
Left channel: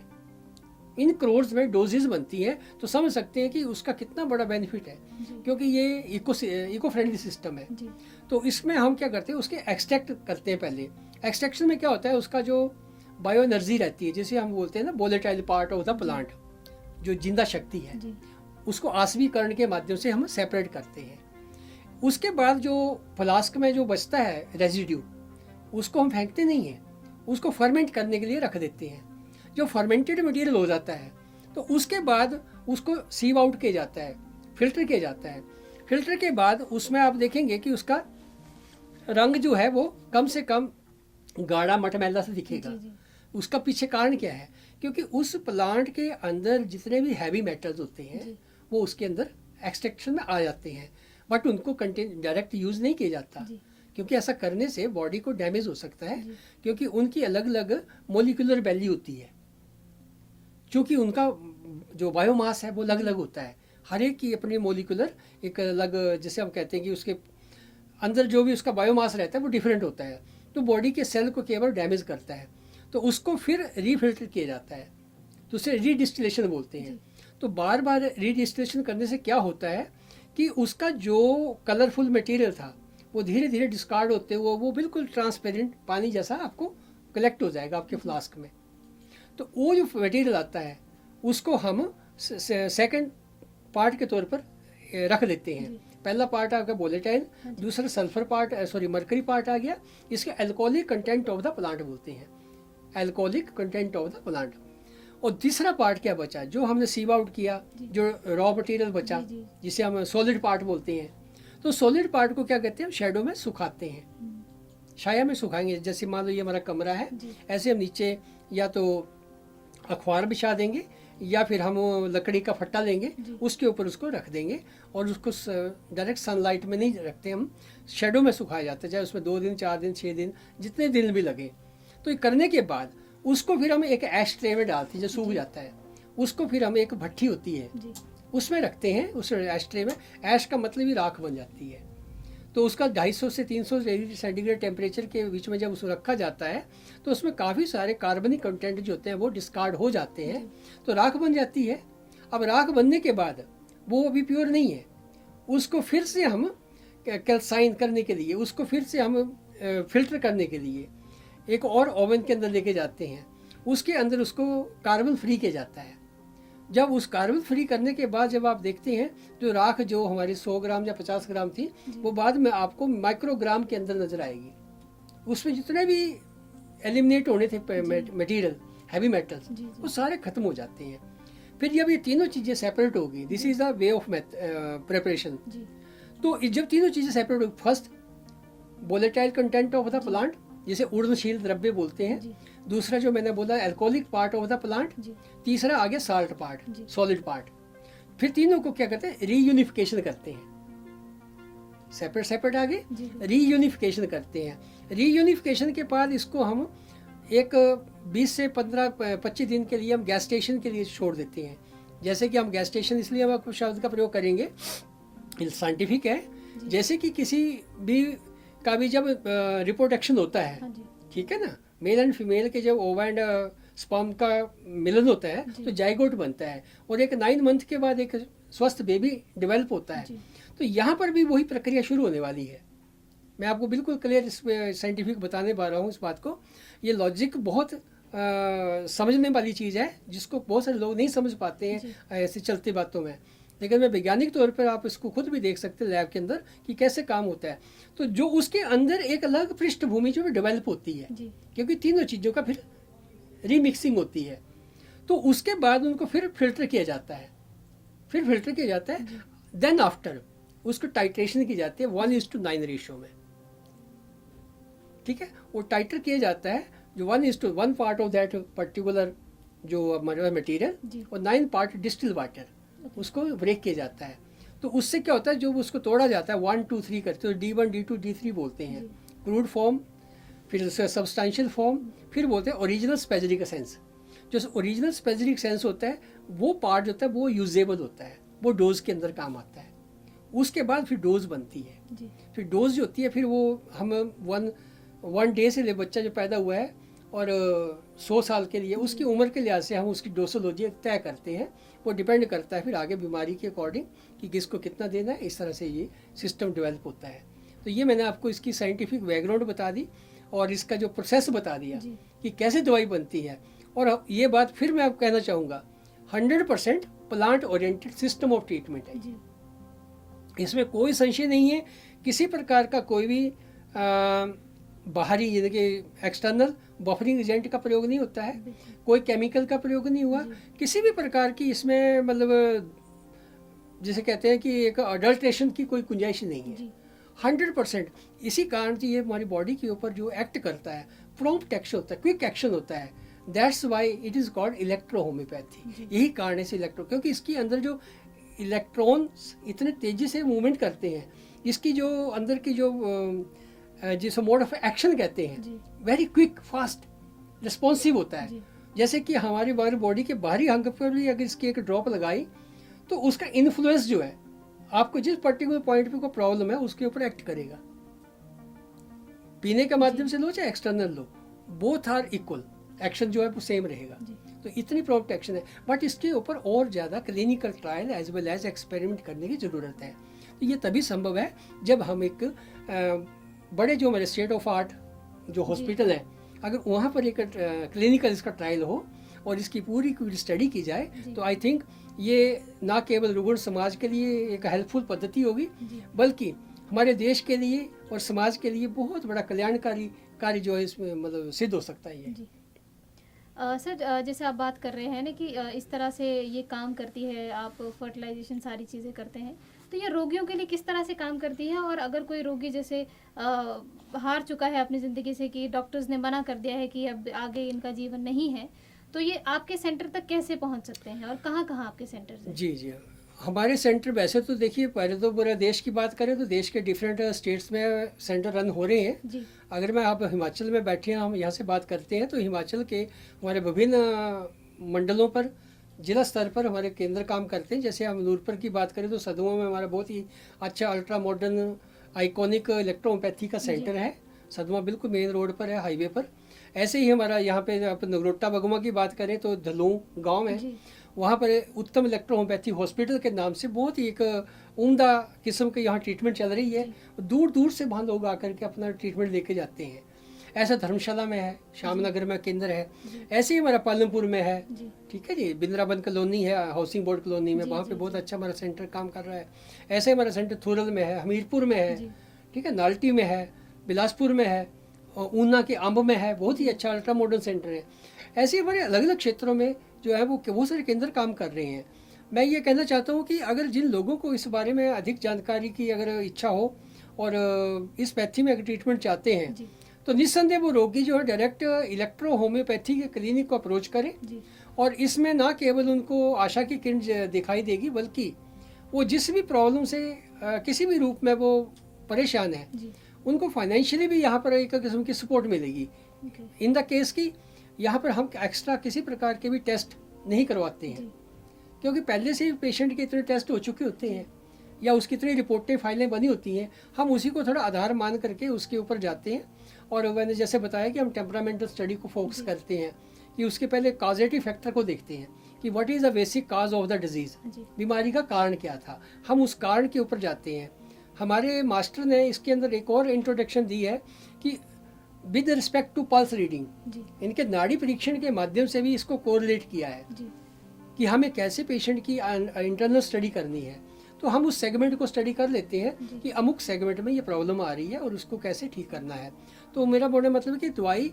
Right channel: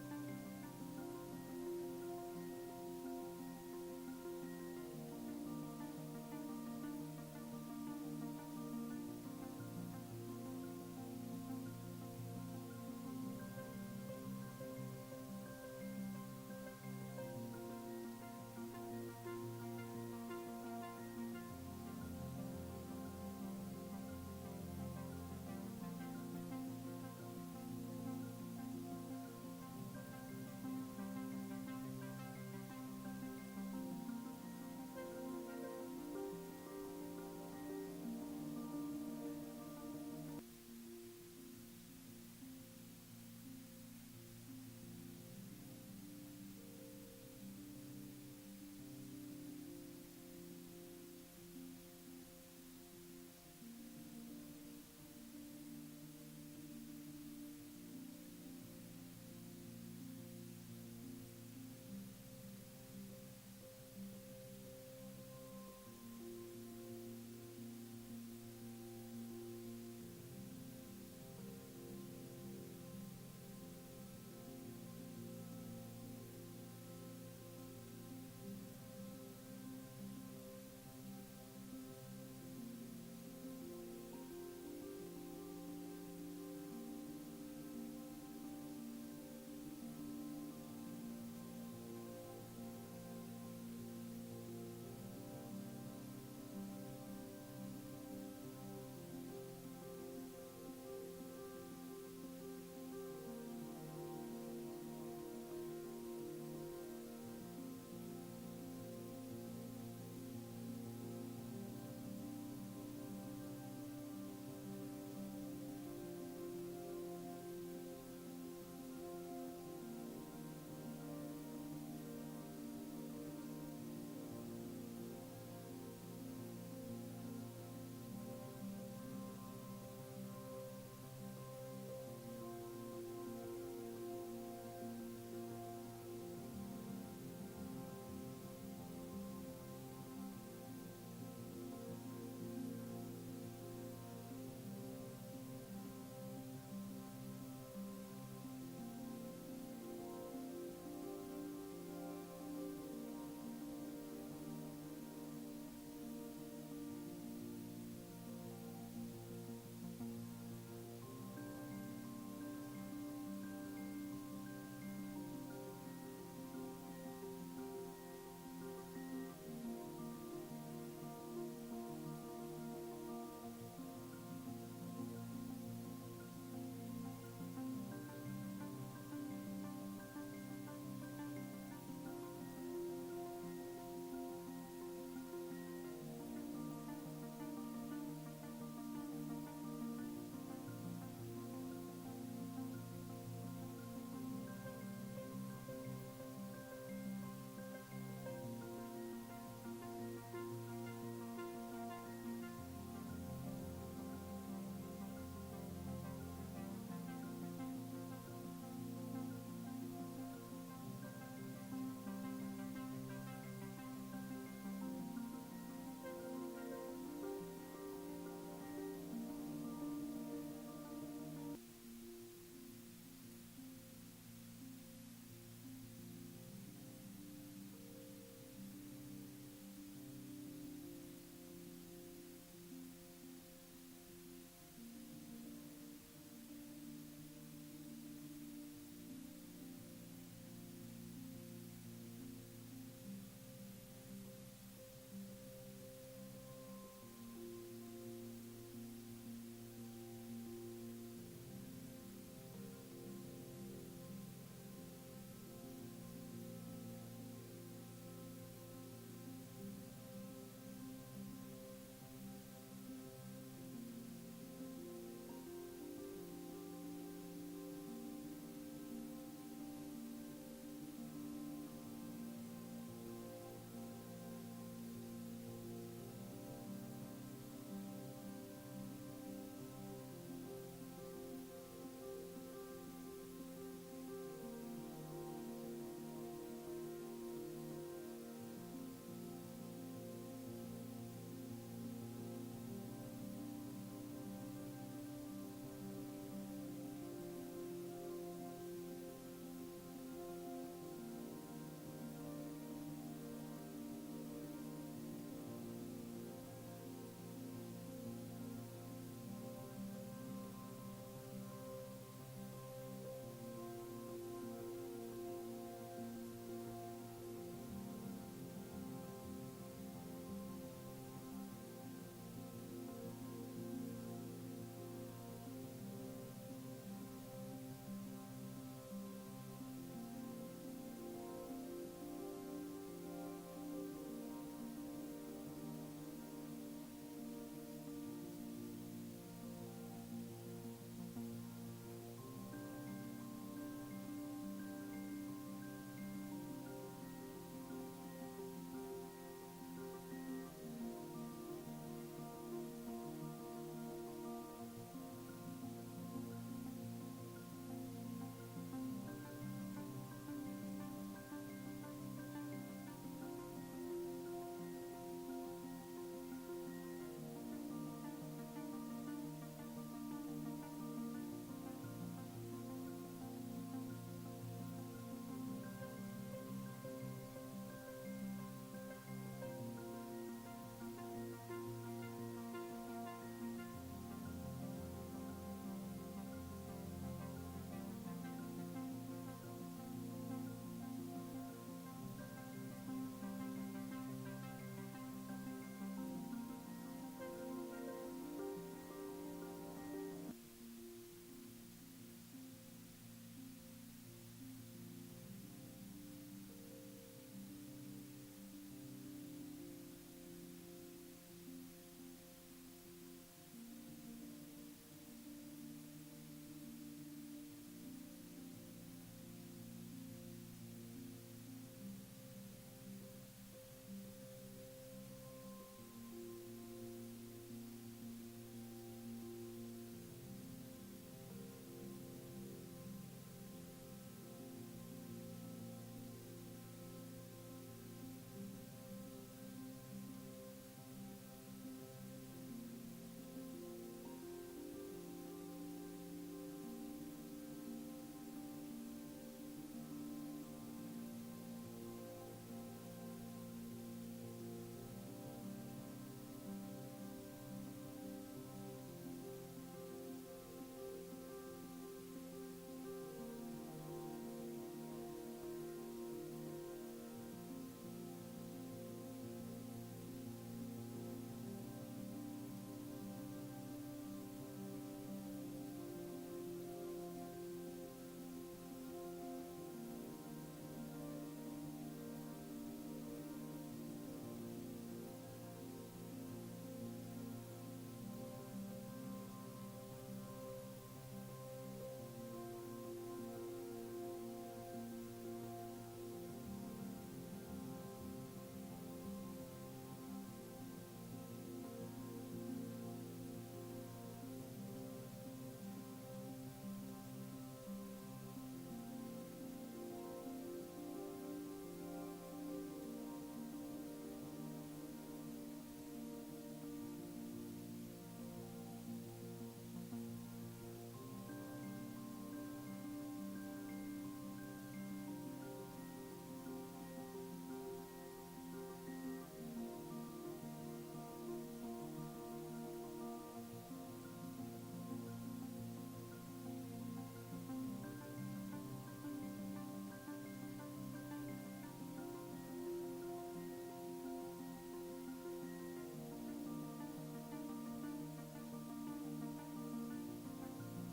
इन करोड्स में डोजेज बनती हैं, तो समझ सकते हैं कि उसका कितना बड़ा बेनिफिट है, क्योंकि ये इको फ्रेंडली सिस्टम है। तो इसमें हम क्या करते हैं, उसके एक्सट्रैक्ट करते हैं पहले। एक्सट्रैक्शन में क्या होता है, उसका जो बायो एनर्जी रहती है, जिसे हम बोलते हैं ना volatile part of the plant, जो जिंदा शक्ति है, जी उसको आसवीकरण के माध्यम से हम सेपरेट करते हैं। उसके बाद जो फ्लास्क में जो बचता है रेजिड्यू, उसको हम फेंकते नहीं हैं, उसको फर्मेंट करने के लिए रख देते हैं। जो फर्मेंटेड मटेरियल हो जाता है तो उसके बाद उसको सीव आउट किया जाता है, फिल्टर किया जाता है। फिल्टर के बाद उसमें आप देखेंगे कि उसका रंग जो है वो कम से कम गाढ़ा मटमैला से दिखेगा। जी जी उसका पीछे कारण क्या है, क्योंकि उस प्लांट के अंदर जितने भी हैवी मेटल्स होते हैं जी वो उसके अंदर एक्सट्रैक्शन में आ जाते हैं, बट उनको कंटेन डायरेक्ट यूज़ नहीं किया जाता, जी क्योंकि ऐसा करने से बॉडी को डैमेज हो सकता है, जी क्योंकि उनकी अलग अलग मोलिकुलर वैल्यू होती है। क्योंकि उनका जो बायोमास है वो अलग अलग होता है, हर एक की अपनी मोलिकुलर एक अलग, जैसे हम कहते हैं कि उसके अंदर जो भी उसका बायोमास रहता है वो डिफरेंट होता है। तो बॉडी के सेल को केवल डैमेज करता है, तो उसको फिर रीफिल्टर किया जाता है, तो उसे रीडिस्टिलेशन बोलते हैं। तो बार बार रीडिस्टिलेशन करने से क्या होता है कि उसका जो कलरफुल मटेरियल था वो धीरे धीरे डिस्कार्ड होते हुए वो बिल्कुल ट्रांसपेरेंट पानी जैसा आपको कलेक्ट हो जाएगा आपके फ्लास्क में। तो वो जो मटेरियल आता है उसको हम सेकंड पार्ट के तौर पर रख देते हैं। पहला पार्ट आ गया वोलेटाइल, दूसरा sulphur part, sorry mercury part आ गया, इसके alcoholic content of the plant बोलते हैं, alcoholic content of the plant. और तीसरा पार्ट क्या बचा, जो हमने सीव आउट किया, जो रॉ मटेरियल बचा, जी, जी। जिसे हम सॉलिड पार्ट बोलते हैं। तो सॉलिड पार्ट को क्या कहते हैं, हम शेडो में सुखाते हैं, छाया में सुखाएंगे। जैसे मान लो ये हमारा कमरा है, जी। ऐसे हम नीचे या तो अखबार बिछा देंगे या फिर हम लकड़ी का फट्टा लेंगे, जी। उसके ऊपर उसको रख देंगे और उसको डायरेक्ट सनलाइट में नहीं रखते, हम शेडो में सुखाया जाता है, चाहे उसमें 2 दिन 4 दिन 6 दिन जितने दिन भी लगे। तो ये करने के बाद उसको फिर हम एक ऐश ट्रे में डालते हैं, जो सूख जाता है, उसको फिर हम एक भट्ठी होती है जी उसमें रखते हैं, उस ऐश ट्रे में। ऐश का मतलब ही राख बन जाती है। तो उसका 250 से 300 डिग्री सेंटीग्रेड टेम्परेचर के बीच में जब उसको रखा जाता है तो उसमें काफ़ी सारे कार्बनिक कंटेंट जो होते हैं वो डिस्कार्ड हो जाते हैं, तो राख बन जाती है। अब राख बनने के बाद वो अभी प्योर नहीं है, उसको फिर से हम कैल्साइन करने के लिए, उसको फिर से हम फिल्टर करने के लिए एक और ओवन के अंदर लेके जाते हैं, उसके अंदर उसको कार्बन फ्री किया जाता है। जब उस कार्बन फ्री करने के बाद जब आप देखते हैं जो राख जो हमारी 100 ग्राम या 50 ग्राम थी, वो बाद में आपको माइक्रोग्राम के अंदर नजर आएगी। उसमें जितने भी एलिमिनेट होने थे मटेरियल, हैवी मेटल्स, जी, वो सारे खत्म हो जाते हैं। फिर जब ये तीनों चीज़ें सेपरेट होगी, this is the way of preparation. जी तो जब तीनों चीज़ें सेपरेट होगी, first volatile content of the plant, जिसे उड़नशील द्रव्य बोलते हैं, जी दूसरा जो मैंने बोला alcoholic part of the plant, जी तीसरा आ गया साल्ट पार्ट, जी। Solid part. फिर तीनों को क्या कहते हैं, रीयूनिफिकेशन करते हैं, सेपरेट सेपरेट आगे जी रीयूनिफिकेशन करते हैं। रीयूनिफिकेशन के बाद इसको हम एक 20 से 15-25 दिन के लिए हम गैस स्टेशन के लिए छोड़ देते हैं। जैसे कि हम गैस स्टेशन इसलिए हम आपको शब्द का प्रयोग करेंगे, साइंटिफिक है, जैसे कि किसी भी का भी जब रिप्रोडक्शन होता है, हाँ जी ठीक है ना, मेल एंड फीमेल के जब ओवा एंड स्पर्म का मिलन होता है जी। तो जाइगोट बनता है और एक 9 मंथ के बाद एक स्वस्थ बेबी डेवलप होता है। जी तो यहाँ पर भी वही प्रक्रिया शुरू होने वाली है। मैं आपको बिल्कुल क्लियर साइंटिफिक बताने पा रहा हूँ इस बात को। ये लॉजिक बहुत समझने वाली चीज़ है, जिसको बहुत सारे लोग नहीं समझ पाते जी। हैं ऐसे चलती बातों में, लेकिन मैं वैज्ञानिक तौर पर आप इसको खुद भी देख सकते हैं लैब के अंदर कि कैसे काम होता है। तो जो उसके अंदर एक अलग पृष्ठभूमि जो डेवलप होती है, जी क्योंकि तीनों चीज़ों का फिर रीमिक्सिंग होती है, तो उसके बाद उनको फिर फिल्टर किया जाता है, फिर फिल्टर किया जाता है। देन आफ्टर उसको टाइट्रेशन की जाती है 1:9 रेशियो में, ठीक है। वो टाइटर किया जाता है जो 1:1 पार्ट ऑफ दैट पर्टिकुलर जो हमारा मटीरियल जी और 9 पार्ट डिस्टिल वाटर, उसको ब्रेक किया जाता है। तो उससे क्या होता है, जो उसको तोड़ा जाता है 1 2 3 करते हैं, D1 D2 D3 बोलते हैं, क्रूड फॉर्म, फिर उसका सब्सटेंशियल फॉर्म, फिर बोलते हैं ओरिजिनल स्पेसिफिक एसेंस। जो ओरिजिनल स्पेसिफिक एसेंस होता है वो पार्ट जो होता है वो यूजेबल होता है, वो डोज के अंदर काम आता है। उसके बाद फिर डोज बनती है, जी फिर डोज जो होती है फिर वो हम वन डे से ले बच्चा जो पैदा हुआ है और 100 साल के लिए उसकी उम्र के लिहाज से हम उसकी डोसोलॉजी तय करते हैं। वो डिपेंड करता है फिर आगे बीमारी के अकॉर्डिंग कि किसको कितना देना है, इस तरह से ये सिस्टम डेवलप होता है। तो ये मैंने आपको इसकी साइंटिफिक बैकग्राउंड बता दी और इसका जो प्रोसेस बता दिया जी। कि कैसे दवाई बनती है। और अब ये बात फिर मैं आपको कहना चाहूँगा, 100% plant oriented system of treatment है। जी। इसमें कोई संशय नहीं है, किसी प्रकार का कोई भी बाहरी यानी कि एक्सटर्नल बफरिंग एजेंट का प्रयोग नहीं होता है, बिल्कुल। कोई केमिकल का प्रयोग नहीं हुआ, जी। किसी भी प्रकार की इसमें मतलब जिसे कहते हैं कि एक अडल्ट्रेशन की कोई गुंजाइश नहीं है। जी। 100%। इसी कारण से ये हमारी बॉडी के ऊपर जो एक्ट करता है, प्रॉम्प्ट एक्शन होता है, क्विक एक्शन होता है। That's why it is called electro homeopathy. यही कारण है इसे इलेक्ट्रो, क्योंकि इसके अंदर जो इलेक्ट्रॉन्स इतने तेजी से मूवमेंट करते हैं, इसकी जो अंदर की जो जिसे मोड ऑफ एक्शन कहते हैं, जी। वेरी क्विक फास्ट रिस्पॉन्सिव होता है। जी। जैसे कि हमारी बॉडी के बाहरी अंग पर भी अगर इसकी एक ड्रॉप लगाई तो उसका इन्फ्लुएंस जो है आपको जिस पर्टिकुलर पॉइंट पे कोई प्रॉब्लम है उसके ऊपर एक्ट करेगा। पीने के माध्यम से लो चाहे एक्सटर्नल लो, बोथ आर इक्वल, एक्शन जो है वो सेम रहेगा। जी। तो इतनी प्रॉम्प्ट एक्शन है, बट इसके ऊपर और ज़्यादा clinical trial as well as experiment करने की ज़रूरत है। तो ये तभी संभव है जब हम एक बड़े जो हमारे स्टेट ऑफ आर्ट जो हॉस्पिटल है, अगर वहाँ पर एक क्लिनिकल इसका ट्रायल हो और इसकी पूरी स्टडी की जाए, तो आई थिंक ये ना केवल रुग्ण समाज के लिए एक हेल्पफुल पद्धति होगी, जी। बल्कि हमारे देश के लिए और समाज के लिए बहुत बड़ा कल्याणकारी कार्य जो है इसमें मतलब सिद्ध हो सकता है ये। जी। सर, जैसे आप बात कर रहे हैं ना कि इस तरह से ये काम करती है, आप फर्टिलाइजेशन सारी चीज़ें करते हैं, तो ये रोगियों के लिए किस तरह से काम करती है? और अगर कोई रोगी जैसे हार चुका है अपनी ज़िंदगी से कि डॉक्टर्स ने मना कर दिया है कि अब आगे इनका जीवन नहीं है, तो ये आपके सेंटर तक कैसे पहुंच सकते हैं और कहाँ-कहाँ आपके सेंटर से? जी जी, हमारे सेंटर वैसे तो देखिए, पहले तो पूरे देश की बात करें तो देश के डिफरेंट स्टेट्स में सेंटर रन हो रहे हैं। जी। अगर मैं आप हिमाचल में बैठे हैं, हम यहाँ से बात करते हैं, तो हिमाचल के हमारे विभिन्न मंडलों पर जिला स्तर पर हमारे केंद्र काम करते हैं। जैसे हम नूरपुर की बात करें तो सदुआ में हमारा बहुत ही अच्छा अल्ट्रा मॉडर्न आइकॉनिक इलेक्ट्रोपैथी का सेंटर है। सदुआ बिल्कुल मेन रोड पर है, हाईवे पर। ऐसे ही हमारा यहाँ पे आप नगरोटा बगुमा की बात करें तो धलूं गांव है, जी। वहाँ पर उत्तम इलेक्ट्रोहोम्योपैथी हॉस्पिटल के नाम से बहुत ही एक उम्दा किस्म के यहाँ ट्रीटमेंट चल रही है। दूर दूर से वहाँ लोग आकर के अपना ट्रीटमेंट लेके जाते हैं। ऐसा धर्मशाला में है, श्यामनगर में केंद्र है, ऐसे ही हमारा पालमपुर में है, जी। ठीक है जी, बिंद्राबन कॉलोनी है, हाउसिंग बोर्ड कॉलोनी में, जी, वहाँ जी, पे बहुत जी। अच्छा हमारा सेंटर काम कर रहा है। ऐसे हमारा सेंटर थुरल में है, हमीरपुर में है, जी। ठीक है, नाल्टी में है, बिलासपुर में है, और ऊना के अंब में है, बहुत ही अच्छा अल्ट्रा मॉडर्न सेंटर है। ऐसे हमारे अलग अलग क्षेत्रों में जो है वो बहुत सारे केंद्र काम कर रहे हैं। मैं ये कहना चाहता हूँ कि अगर जिन लोगों को इस बारे में अधिक जानकारी की अगर इच्छा हो और इस पैथी में अगर ट्रीटमेंट चाहते हैं, जी। तो निस्संदेह वो रोगी जो है डायरेक्ट इलेक्ट्रो होम्योपैथी के क्लिनिक को अप्रोच करें। जी। और इसमें ना केवल उनको आशा की किरण दिखाई देगी, बल्कि वो जिस भी प्रॉब्लम से किसी भी रूप में वो परेशान है, जी। उनको फाइनेंशियली भी यहाँ पर एक किस्म की सपोर्ट मिलेगी। ओके। इन द केस की यहाँ पर हम एक्स्ट्रा किसी प्रकार के भी टेस्ट नहीं करवाते हैं, जी। क्योंकि पहले से ही पेशेंट के इतने टेस्ट हो चुके होते हैं या उसकी इतनी रिपोर्टें फाइलें बनी होती हैं। हम उसी को थोड़ा आधार मान करके उसके ऊपर जाते हैं। और मैंने जैसे बताया कि हम टेम्परामेंटल स्टडी को फोकस करते हैं कि उसके पहले कॉजेटिव फैक्टर को देखते हैं कि what is the basic cause of the disease, जी। बीमारी का कारण क्या था, हम उस कारण के ऊपर जाते हैं। हमारे मास्टर ने इसके अंदर एक और इंट्रोडक्शन दी है कि with respect to pulse reading, जी। इनके नाड़ी परीक्षण के माध्यम से भी इसको कोरिलेट किया है जी। कि हमें कैसे पेशेंट की इंटरनल स्टडी करनी है। तो हम उस सेगमेंट को स्टडी कर लेते हैं जी। कि अमुक सेगमेंट में ये प्रॉब्लम आ रही है और उसको कैसे ठीक करना है। तो मेरा बोलने मतलब है कि दवाई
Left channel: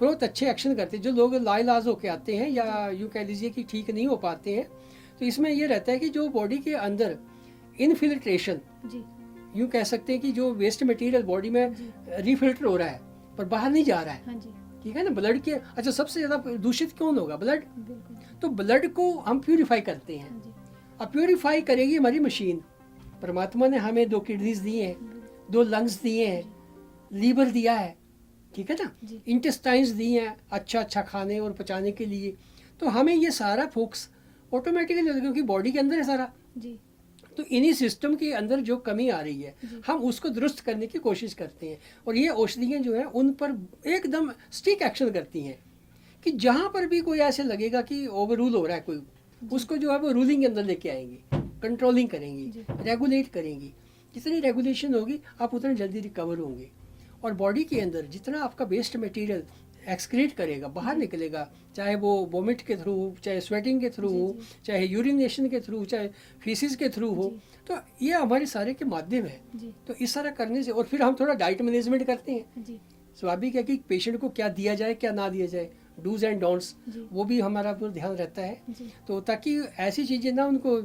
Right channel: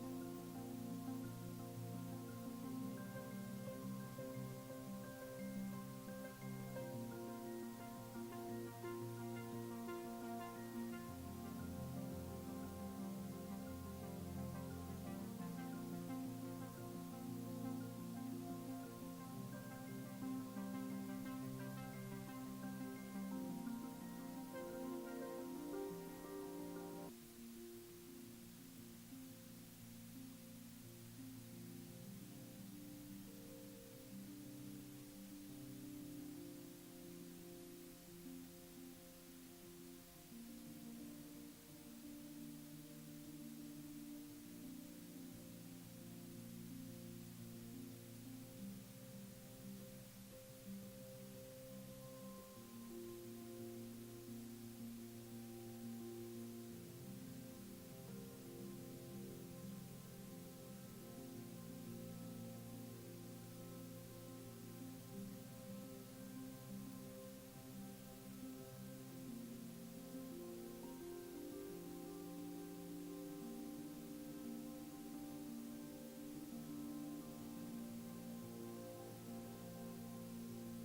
बहुत अच्छे एक्शन करती है। जो लोग लाइलाज होके आते हैं या यूँ कह लीजिए कि ठीक नहीं हो पाते हैं, तो इसमें ये रहता है कि जो बॉडी के अंदर इनफिल्ट्रेशन, जी। यूँ कह सकते हैं कि जो वेस्ट मटेरियल बॉडी में जी। रिफिल्टर हो रहा है पर बाहर नहीं जा रहा है, हाँ जी। ठीक है ना। ब्लड के अच्छा सबसे ज़्यादा दूषित कौन होगा? ब्लड। बिल्कुल। तो ब्लड को हम प्यूरिफाई करते हैं। हाँ जी। अब प्यूरिफाई करेगी हमारी मशीन। परमात्मा ने हमें 2 किडनीज दिए हैं, 2 लंग्स दिए हैं, लीवर दिया है, ठीक है ना, जी। इंटेस्टाइन्स दिए हैं अच्छा अच्छा खाने और पचाने के लिए। तो हमें ये सारा फोकस ऑटोमेटिकली, क्योंकि बॉडी के अंदर है सारा, जी। तो इन्हीं सिस्टम के अंदर जो कमी आ रही है जी। हम उसको दुरुस्त करने की कोशिश करते हैं। और ये औषधियाँ जो हैं उन पर एकदम स्टिक एक्शन करती हैं कि जहाँ पर भी कोई ऐसे लगेगा कि ओवर रूल हो रहा है कोई, उसको जो है वो रूलिंग के अंदर लेके आएंगी, कंट्रोलिंग करेंगी, जी। रेगुलेट करेंगी। जितनी रेगुलेशन होगी आप उतना जल्दी रिकवर होंगे। और बॉडी के अंदर जितना आपका वेस्ट मटेरियल एक्सक्रीट करेगा, बाहर निकलेगा, चाहे वो वोमिट के थ्रू हो, चाहे स्वेटिंग के थ्रू हो, चाहे यूरिनेशन के थ्रू, चाहे फीसिस के थ्रू हो, तो ये हमारे सारे के माध्यम है। तो इस तरह करने से, और फिर हम थोड़ा डाइट मैनेजमेंट करते हैं। स्वाभाविक है कि पेशेंट को क्या दिया जाए क्या ना दिया जाए, डूज एंड डोंट्स, वो भी हमारा पूरा ध्यान रहता है। तो ताकि ऐसी चीज़ें ना उनको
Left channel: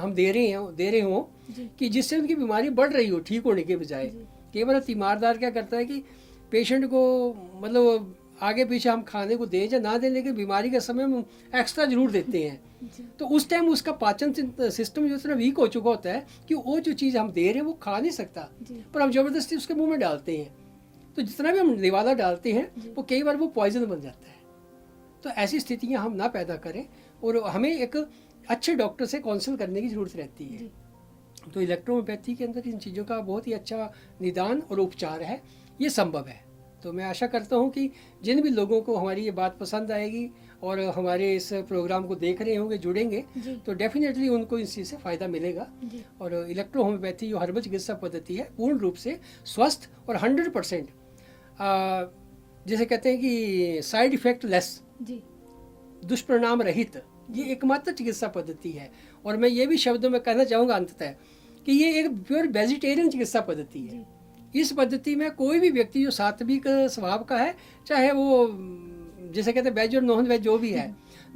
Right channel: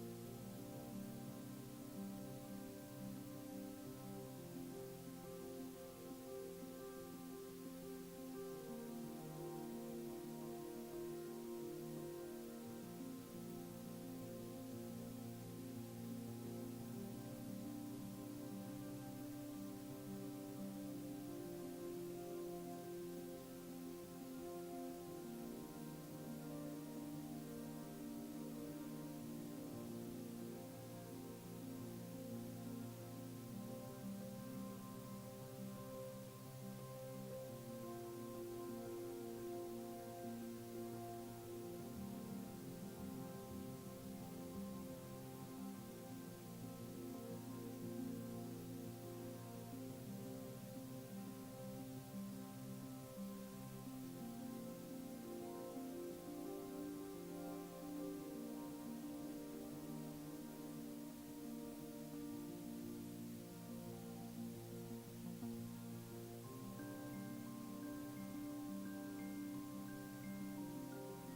हम दे रहे हों कि जिससे उनकी बीमारी बढ़ रही हो ठीक होने के बजाय। कई बार तीमारदार क्या करता है कि पेशेंट को मतलब आगे पीछे हम खाने को दें या ना दें, लेकिन बीमारी के समय हम एक्स्ट्रा जरूर देते हैं। तो उस टाइम उसका पाचन सिस्टम जो इतना वीक हो चुका होता है कि वो जो चीज़ हम दे रहे हैं वो खा नहीं सकता, पर हम ज़बरदस्ती उसके मुंह में डालते हैं। तो जितना भी हम निवाला डालते हैं वो कई बार वो पॉइजन बन जाता है। तो ऐसी स्थितियां हम ना पैदा करें और हमें एक अच्छे डॉक्टर से काउंसिल करने की ज़रूरत रहती है। तो इलेक्ट्रोहोम्योपैथी के अंदर इन चीज़ों का बहुत ही अच्छा निदान और उपचार है, ये संभव है। तो मैं आशा करता हूँ कि जिन भी लोगों को हमारी ये बात पसंद आएगी और हमारे इस प्रोग्राम को देख रहे होंगे, जुड़ेंगे, तो डेफिनेटली उनको इस चीज़ से फ़ायदा मिलेगा। और इलेक्ट्रोहोम्योपैथी जो हर्बल चिकित्सा पद्धति है पूर्ण रूप से स्वस्थ और 100% जैसे कहते हैं कि साइड इफेक्ट लेस, दुष्परिणाम रहित, ये एकमात्र चिकित्सा पद्धति है। और मैं ये भी शब्दों में कहना चाहूँगा अंततः कि ये एक प्योर वेजिटेरियन चिकित्सा पद्धति है। इस पद्धति में कोई भी व्यक्ति जो सात्विक स्वभाव का है, चाहे वो जैसे कहते हैं वेज और नॉन वेज जो भी है,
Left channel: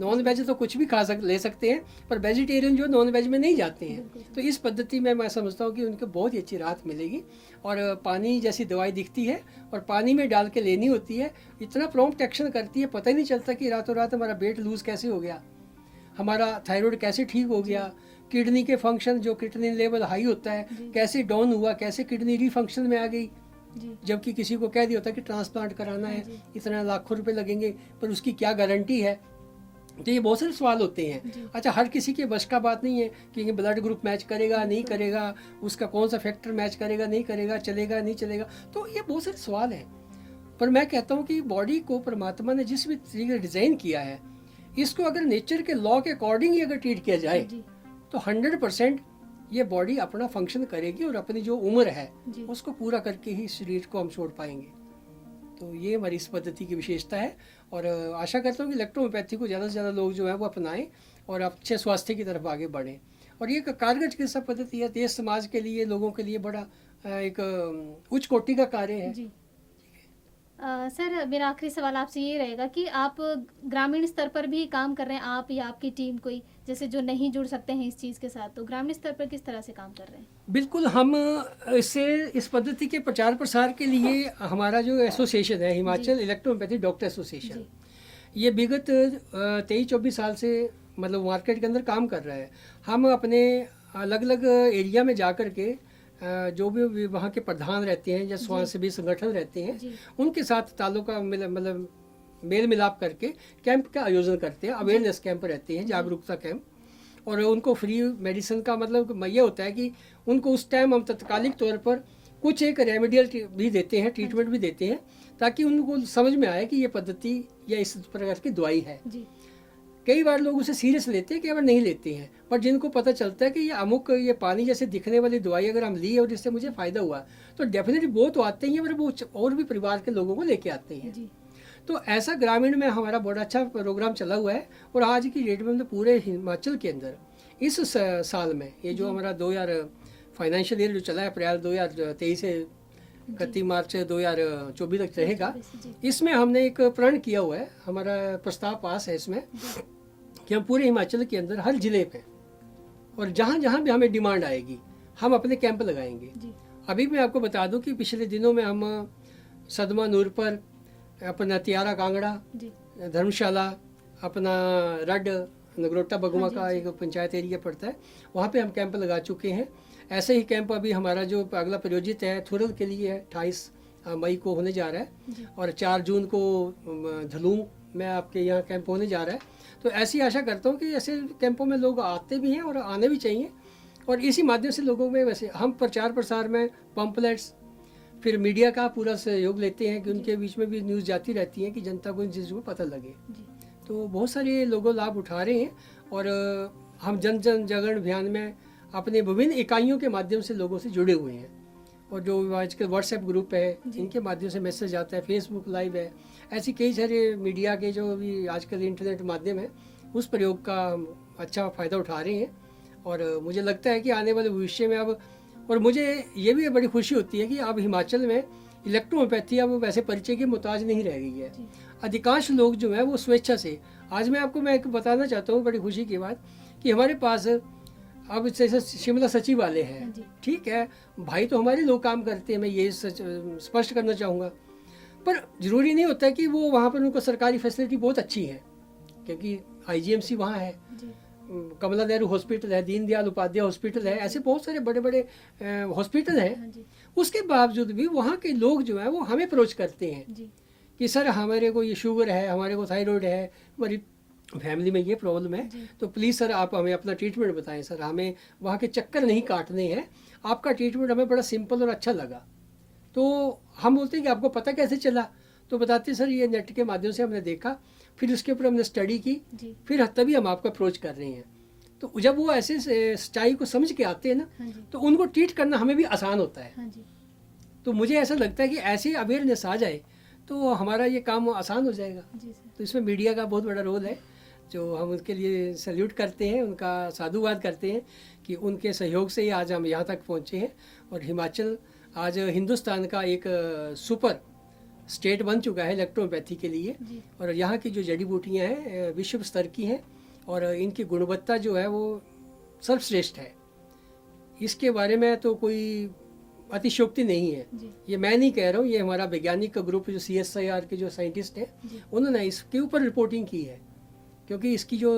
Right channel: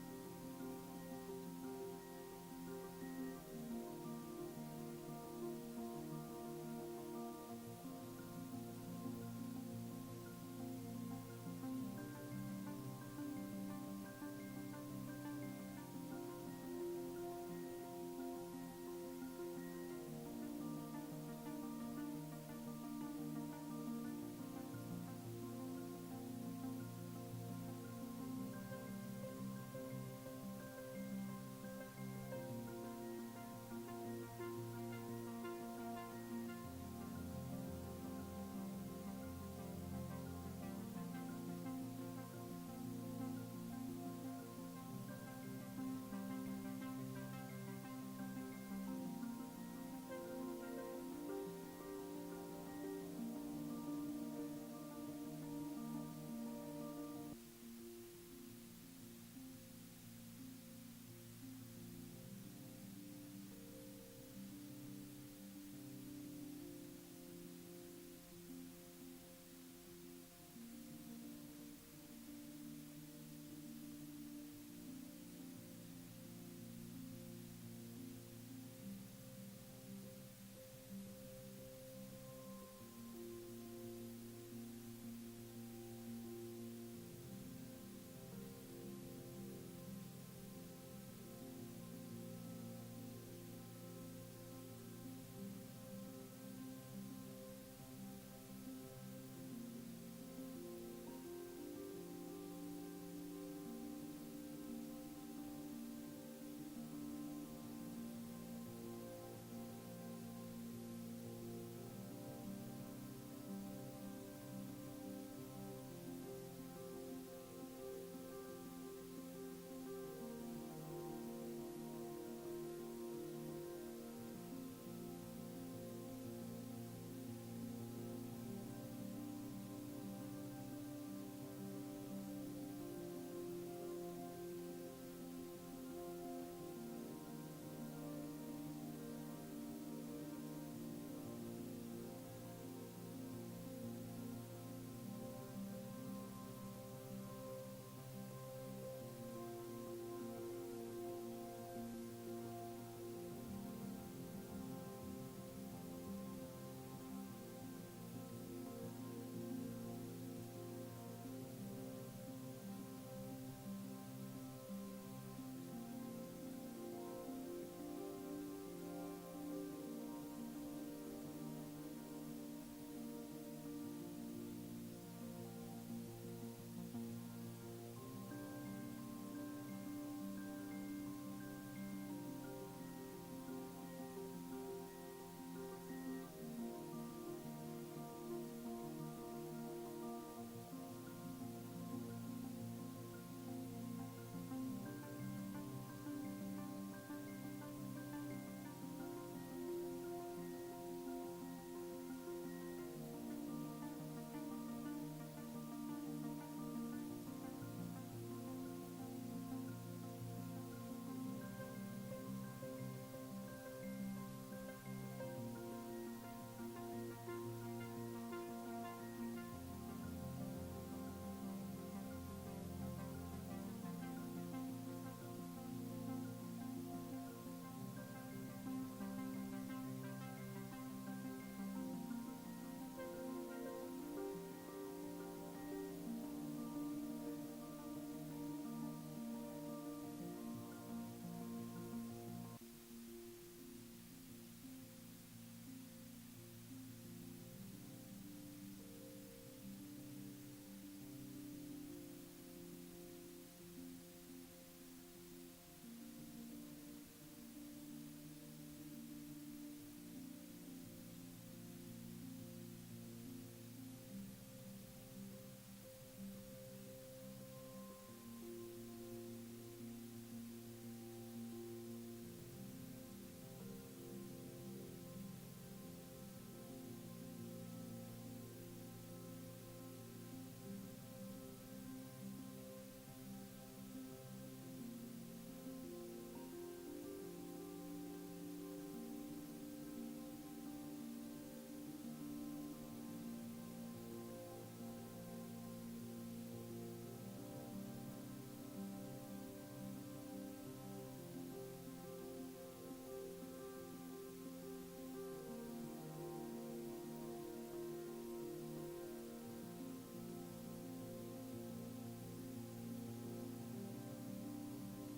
नॉन वेज तो कुछ भी ले सकते हैं, पर वेजिटेरियन जो नॉन वेज में नहीं जाते हैं, तो इस पद्धति में मैं समझता हूँ कि उनको बहुत ही अच्छी राहत मिलेगी। और पानी जैसी दवाई दिखती है और पानी में डाल के लेनी होती है, इतना प्रॉम्प्ट एक्शन करती है, पता ही नहीं चलता कि रातों रात हमारा वेट लूज कैसे हो गया, हमारा थायराइड कैसे ठीक हो गया, किडनी के फंक्शन जो किडनी लेवल हाई होता है कैसे डाउन हुआ, कैसे किडनी रीफंक्शन में आ गई, जबकि किसी को कह दिया होता है कि ट्रांसप्लांट कराना है, इतना लाखों रुपए लगेंगे, पर उसकी क्या गारंटी है। तो ये बहुत सारे सवाल होते हैं। अच्छा, हर किसी के बस का बात नहीं है कि ब्लड ग्रुप मैच करेगा नहीं करेगा, उसका कौन सा फैक्टर मैच करेगा नहीं करेगा, चलेगा नहीं चलेगा, तो ये बहुत सारे सवाल हैं। पर मैं कहता हूँ कि बॉडी को परमात्मा ने जिस भी तरीके से डिज़ाइन किया है, इसको अगर नेचर के लॉ के अकॉर्डिंग ही अगर ट्रीट किया जाए तो 100% ये बॉडी अपना फंक्शन करेगी और अपनी जो उम्र है उसको पूरा करके ही शरीर को हम छोड़ पाएंगे। तो ये हमारी इस पद्धति की विशेषता है और आशा करता हूँ कि इलेक्ट्रोहोम्योपैथी को ज़्यादा से ज़्यादा लोग जो है वो अपनाएं और अच्छे स्वास्थ्य की तरफ आगे बढ़ें। और ये कारगर चिकित्सा पद्धति है, देश समाज के लिए, लोगों के लिए बड़ा एक उच्च कोटि का कार्य है। सर, मेरा आखिरी सवाल आपसे ये रहेगा कि आप ग्रामीण स्तर पर भी काम कर रहे हैं, आप या आपकी टीम कोई जैसे जो नहीं जुड़ सकते हैं इस चीज़ के साथ, तो ग्रामीण स्तर पर किस तरह से काम कर रहे हैं? बिल्कुल, हम इस पद्धति के प्रचार प्रसार के लिए हमारा जो एसोसिएशन है, हिमाचल इलेक्ट्रोहोम्योपैथी डॉक्टर एसोसिएशन, ये विगत 23-24 साल से मतलब मार्केट के अंदर काम कर रहा है। हम अपने अलग अलग एरिया में जा कर के जो भी वहाँ के प्रधान रहते हैं या स्वयंसेवी संगठन रहते हैं, उनके साथ ताल्लुका मतलब मेल मिलाप करके कैंप का आयोजन करते हैं। अवेयरनेस कैंप रहते हैं, जागरूकता कैंप, और उनको फ्री मेडिसिन का मतलब ये होता है कि उनको उस टाइम हम तत्कालिक तौर पर कुछ एक रेमेडियल भी देते हैं, ट्रीटमेंट भी देते हैं, ताकि उनको समझ में आए कि ये पद्धति या इस प्रकार की दवाई है। कई बार लोग उसे सीरियस लेते हैं, कई बार नहीं लेते हैं, पर जिनको पता चलता है कि ये अमुक ये पानी जैसे दिखने वाली दवाई अगर हम ली और इससे मुझे फ़ायदा हुआ, तो डेफिनेटली वो तो आते ही हैं, पर वो और भी परिवार के लोगों को लेके आते हैं। तो ऐसा ग्रामीण में हमारा बड़ा अच्छा प्रोग्राम चला हुआ है। और आज की डेट में पूरे हिमाचल के अंदर इस साल में ये जो हमारा 2000 फाइनेंशियल ईयर जो चला है, अप्रैल 2023 से 31 मार्च 2024 तक रहेगा, इसमें हमने एक प्रण किया हुआ है, हमारा प्रस्ताव पास है इसमें कि हम पूरे हिमाचल के अंदर हर जिले पे और जहाँ जहाँ भी हमें डिमांड आएगी हम अपने कैंप लगाएंगे। अभी मैं आपको बता दूं कि पिछले दिनों में हम सदमा नूरपुर, अपना तियारा कांगड़ा, धर्मशाला, अपना रड नगरोटा बगुआ का एक पंचायत एरिया पड़ता है, वहाँ पे हम कैंप लगा चुके हैं। ऐसे ही कैंप अभी हमारा जो अगला प्रायोजित है थुरल के लिए 28 मई को होने जा रहा है और 4 जून को धलूम में आपके यहाँ कैंप होने जा रहा है। तो ऐसी आशा करता हूँ कि ऐसे कैंपों में लोग आते भी हैं और आने भी चाहिए, और इसी माध्यम से लोगों में वैसे हम प्रचार प्रसार में पम्पलेट्स, फिर मीडिया का पूरा सहयोग लेते हैं कि उनके बीच में भी न्यूज़ जाती रहती है कि जनता को इन चीज़ों को पता लगे। तो बहुत सारे लोगों लाभ उठा रहे हैं और हम जन जन जागरण अभियान में अपने विभिन्न इकाइयों के माध्यम से लोगों से जुड़े हुए हैं। और जो आजकल व्हाट्सएप ग्रुप है, इनके माध्यम से मैसेज आता है, फेसबुक लाइव है, ऐसी कई सारे मीडिया के जो भी आजकल इंटरनेट माध्यम है, उस प्रयोग का हम अच्छा फ़ायदा उठा रहे हैं। और मुझे लगता है कि आने वाले भविष्य में अब, और मुझे ये भी बड़ी खुशी होती है कि अब हिमाचल में इलेक्ट्रोहोम्योपैथी अब वैसे परिचय की मोहताज नहीं रह गई है। अधिकांश लोग जो है वो स्वेच्छा से, आज मैं एक बताना चाहता हूँ बड़ी खुशी की बात, कि हमारे पास अब जैसे शिमला सचिव वाले हैं, ठीक है, भाई तो हमारे लोग काम करते हैं, मैं ये स्पष्ट करना चाहूँगा, पर ज़रूरी नहीं होता कि वो वहाँ पर उनको सरकारी फैसिलिटी बहुत अच्छी है, क्योंकि IGMC वहाँ है, कमला नेहरू हॉस्पिटल है, दीनदयाल उपाध्याय हॉस्पिटल है, ऐसे बहुत सारे बड़े बड़े हॉस्पिटल हैं। उसके बावजूद भी वहाँ के लोग जो है वो हमें अप्रोच करते हैं कि सर हमारे को ये शुगर है, हमारे को थायराइड है, हमारी फैमिली में ये प्रॉब्लम है, तो प्लीज़ सर आप हमें अपना ट्रीटमेंट बताएं सर, हमें वहाँ के चक्कर नहीं काटने हैं, आपका ट्रीटमेंट हमें बड़ा सिंपल और अच्छा लगा। तो हम बोलते हैं कि आपको पता कैसे चला, तो बताते सर ये नेट के माध्यम से हमने देखा, फिर उसके ऊपर हमने स्टडी की, फिर तभी हम आपको अप्रोच कर रहे हैं। तो जब वो ऐसे सच्चाई को समझ के आते हैं ना, तो उनको ट्रीट करना हमें भी आसान होता है। तो मुझे ऐसा लगता है कि ऐसी अवेयरनेस आ जाए तो हमारा ये काम आसान हो जाएगा। तो इसमें मीडिया का बहुत बड़ा रोल है, जो हम उसके लिए सैल्यूट करते हैं, उनका साधुवाद करते हैं कि उनके सहयोग से ही आज हम यहाँ तक पहुँचे हैं। और हिमाचल आज हिंदुस्तान का एक सुपर स्टेट बन चुका है इलेक्ट्रोपैथी के लिए, और यहाँ की जो जड़ी बूटियाँ हैं विश्व स्तर की हैं, और इनकी गुणवत्ता जो है वो सर्वश्रेष्ठ है। इसके बारे में तो कोई अतिशयोक्ति नहीं है, ये मैं नहीं कह रहा हूँ, ये हमारा वैज्ञानिक का ग्रुप जो CSIR के जो साइंटिस्ट हैं उन्होंने इसके ऊपर रिपोर्टिंग की है, क्योंकि इसकी जो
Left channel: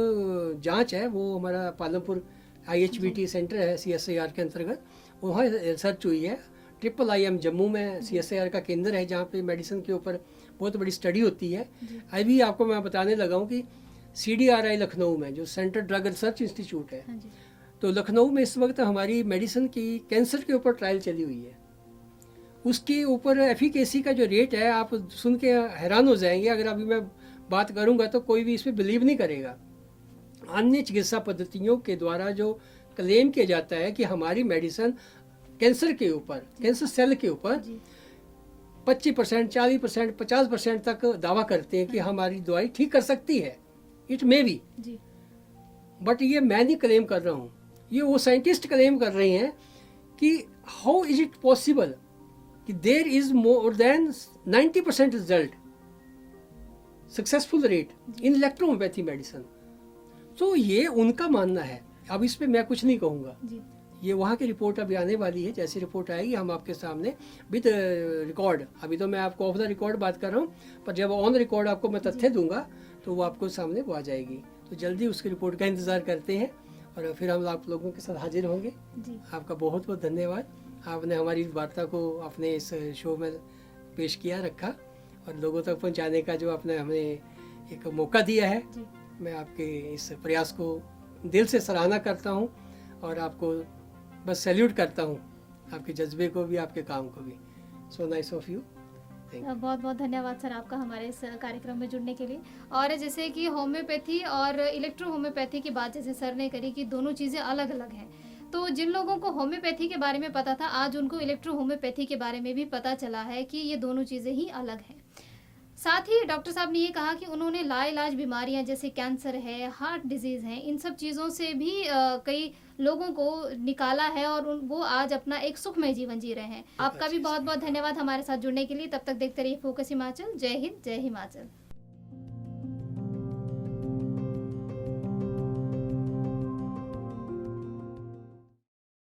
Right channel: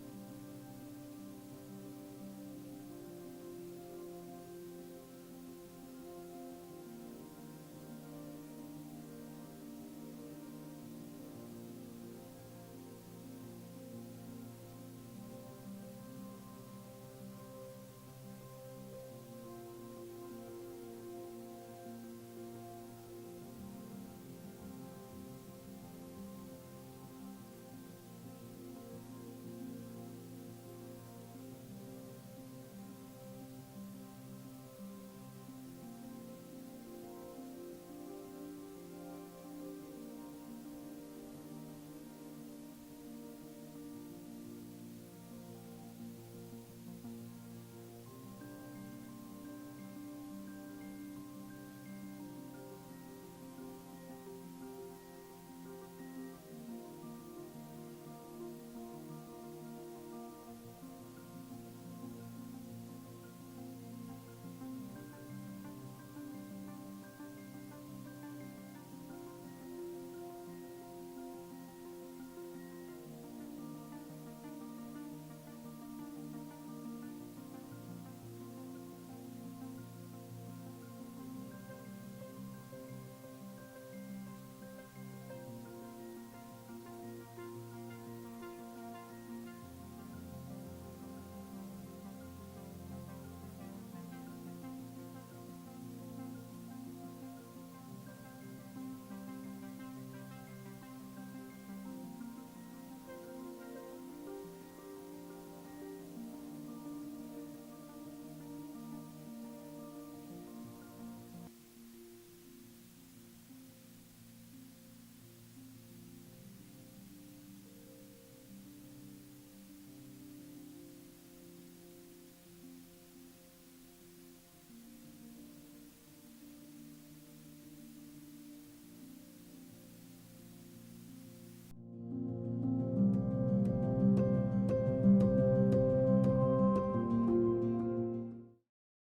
जांच है वो हमारा पालमपुर IHBT सेंटर है CSIR के अंतर्गत, वहाँ रिसर्च हुई है। IIIM जम्मू में CSIR का केंद्र है, जहाँ पे मेडिसिन के ऊपर बहुत बड़ी स्टडी होती है। अभी आपको मैं बताने लगा हूँ कि CDRI लखनऊ में जो सेंट्रल ड्रग रिसर्च इंस्टीट्यूट है, तो लखनऊ में इस वक्त हमारी मेडिसिन की कैंसर के ऊपर ट्रायल चली हुई है। उसके ऊपर एफिकेसी का जो रेट है आप सुन के हैरान हो जाएंगे, अगर अभी मैं बात करूंगा तो कोई भी इसमें बिलीव नहीं करेगा। अन्य चिकित्सा पद्धतियों के द्वारा जो क्लेम किया जाता है कि हमारी मेडिसिन कैंसर के ऊपर, कैंसर सेल के ऊपर 25%, 40%, 50% तक दावा करते हैं कि हमारी दवाई ठीक कर सकती है। इट मे बी, बट ये मैं नहीं क्लेम कर रहा हूँ, ये वो साइंटिस्ट क्लेम कर रहे हैं कि हाउ इज इट पॉसिबल कि there is more than 90% result successful rate in electrohomeopathy medicine. तो ये उनका मानना है, अब इस पे मैं कुछ नहीं कहूँगा। ये वहाँ की रिपोर्ट अभी आने वाली है, जैसी रिपोर्ट आएगी हम आपके सामने विद रिकॉर्ड, अभी तो मैं आपको ऑफ द रिकॉर्ड बात कर रहा हूँ, पर जब ऑन रिकॉर्ड आपको मैं तथ्य दूंगा तो वो आपको सामने वो आ जाएगी। तो जल्दी उसकी रिपोर्ट का इंतज़ार करते हैं और फिर हम आप लोगों के साथ हाजिर होंगे। आपका बहुत बहुत धन्यवाद, आपने हमारी वार्ता को अपने इस शो में पेश किया, रखा और लोगों तक पहुंचाने का जो आपने हमें एक मौका दिया है। मैं आपके इस प्रयास को दिल से सराहना करता हूं और आपको बस सैल्यूट करता हूं, आपके जज्बे को भी, आपके काम को भी। So nice of you. बहुत बहुत धन्यवाद सर आपका हमारे इस कार्यक्रम में जुड़ने के लिए। और जैसे कि होम्योपैथी और इलेक्ट्रो होम्योपैथी की बात जैसे सर ने करी कि दोनों चीज़ें अलग अलग हैं, तो जिन लोगों को होम्योपैथी के बारे में पता था आज उनको इलेक्ट्रो होम्योपैथी के बारे में भी पता चला है कि ये दोनों चीज़ें ही अलग हैं। साथ ही डॉक्टर साहब ने ये कहा कि उन्होंने लाइलाज बीमारियां जैसे कैंसर है, हार्ट डिजीज़ है, इन सब चीज़ों से भी कई लोगों को निकाला है और वो आज अपना एक सुखमय जीवन जी रहे हैं। आपका भी बहुत बहुत धन्यवाद हमारे साथ जुड़ने के लिए। तब तक देखते रहिए फोकस हिमाचल। जय हिंद, जय हिमाचल।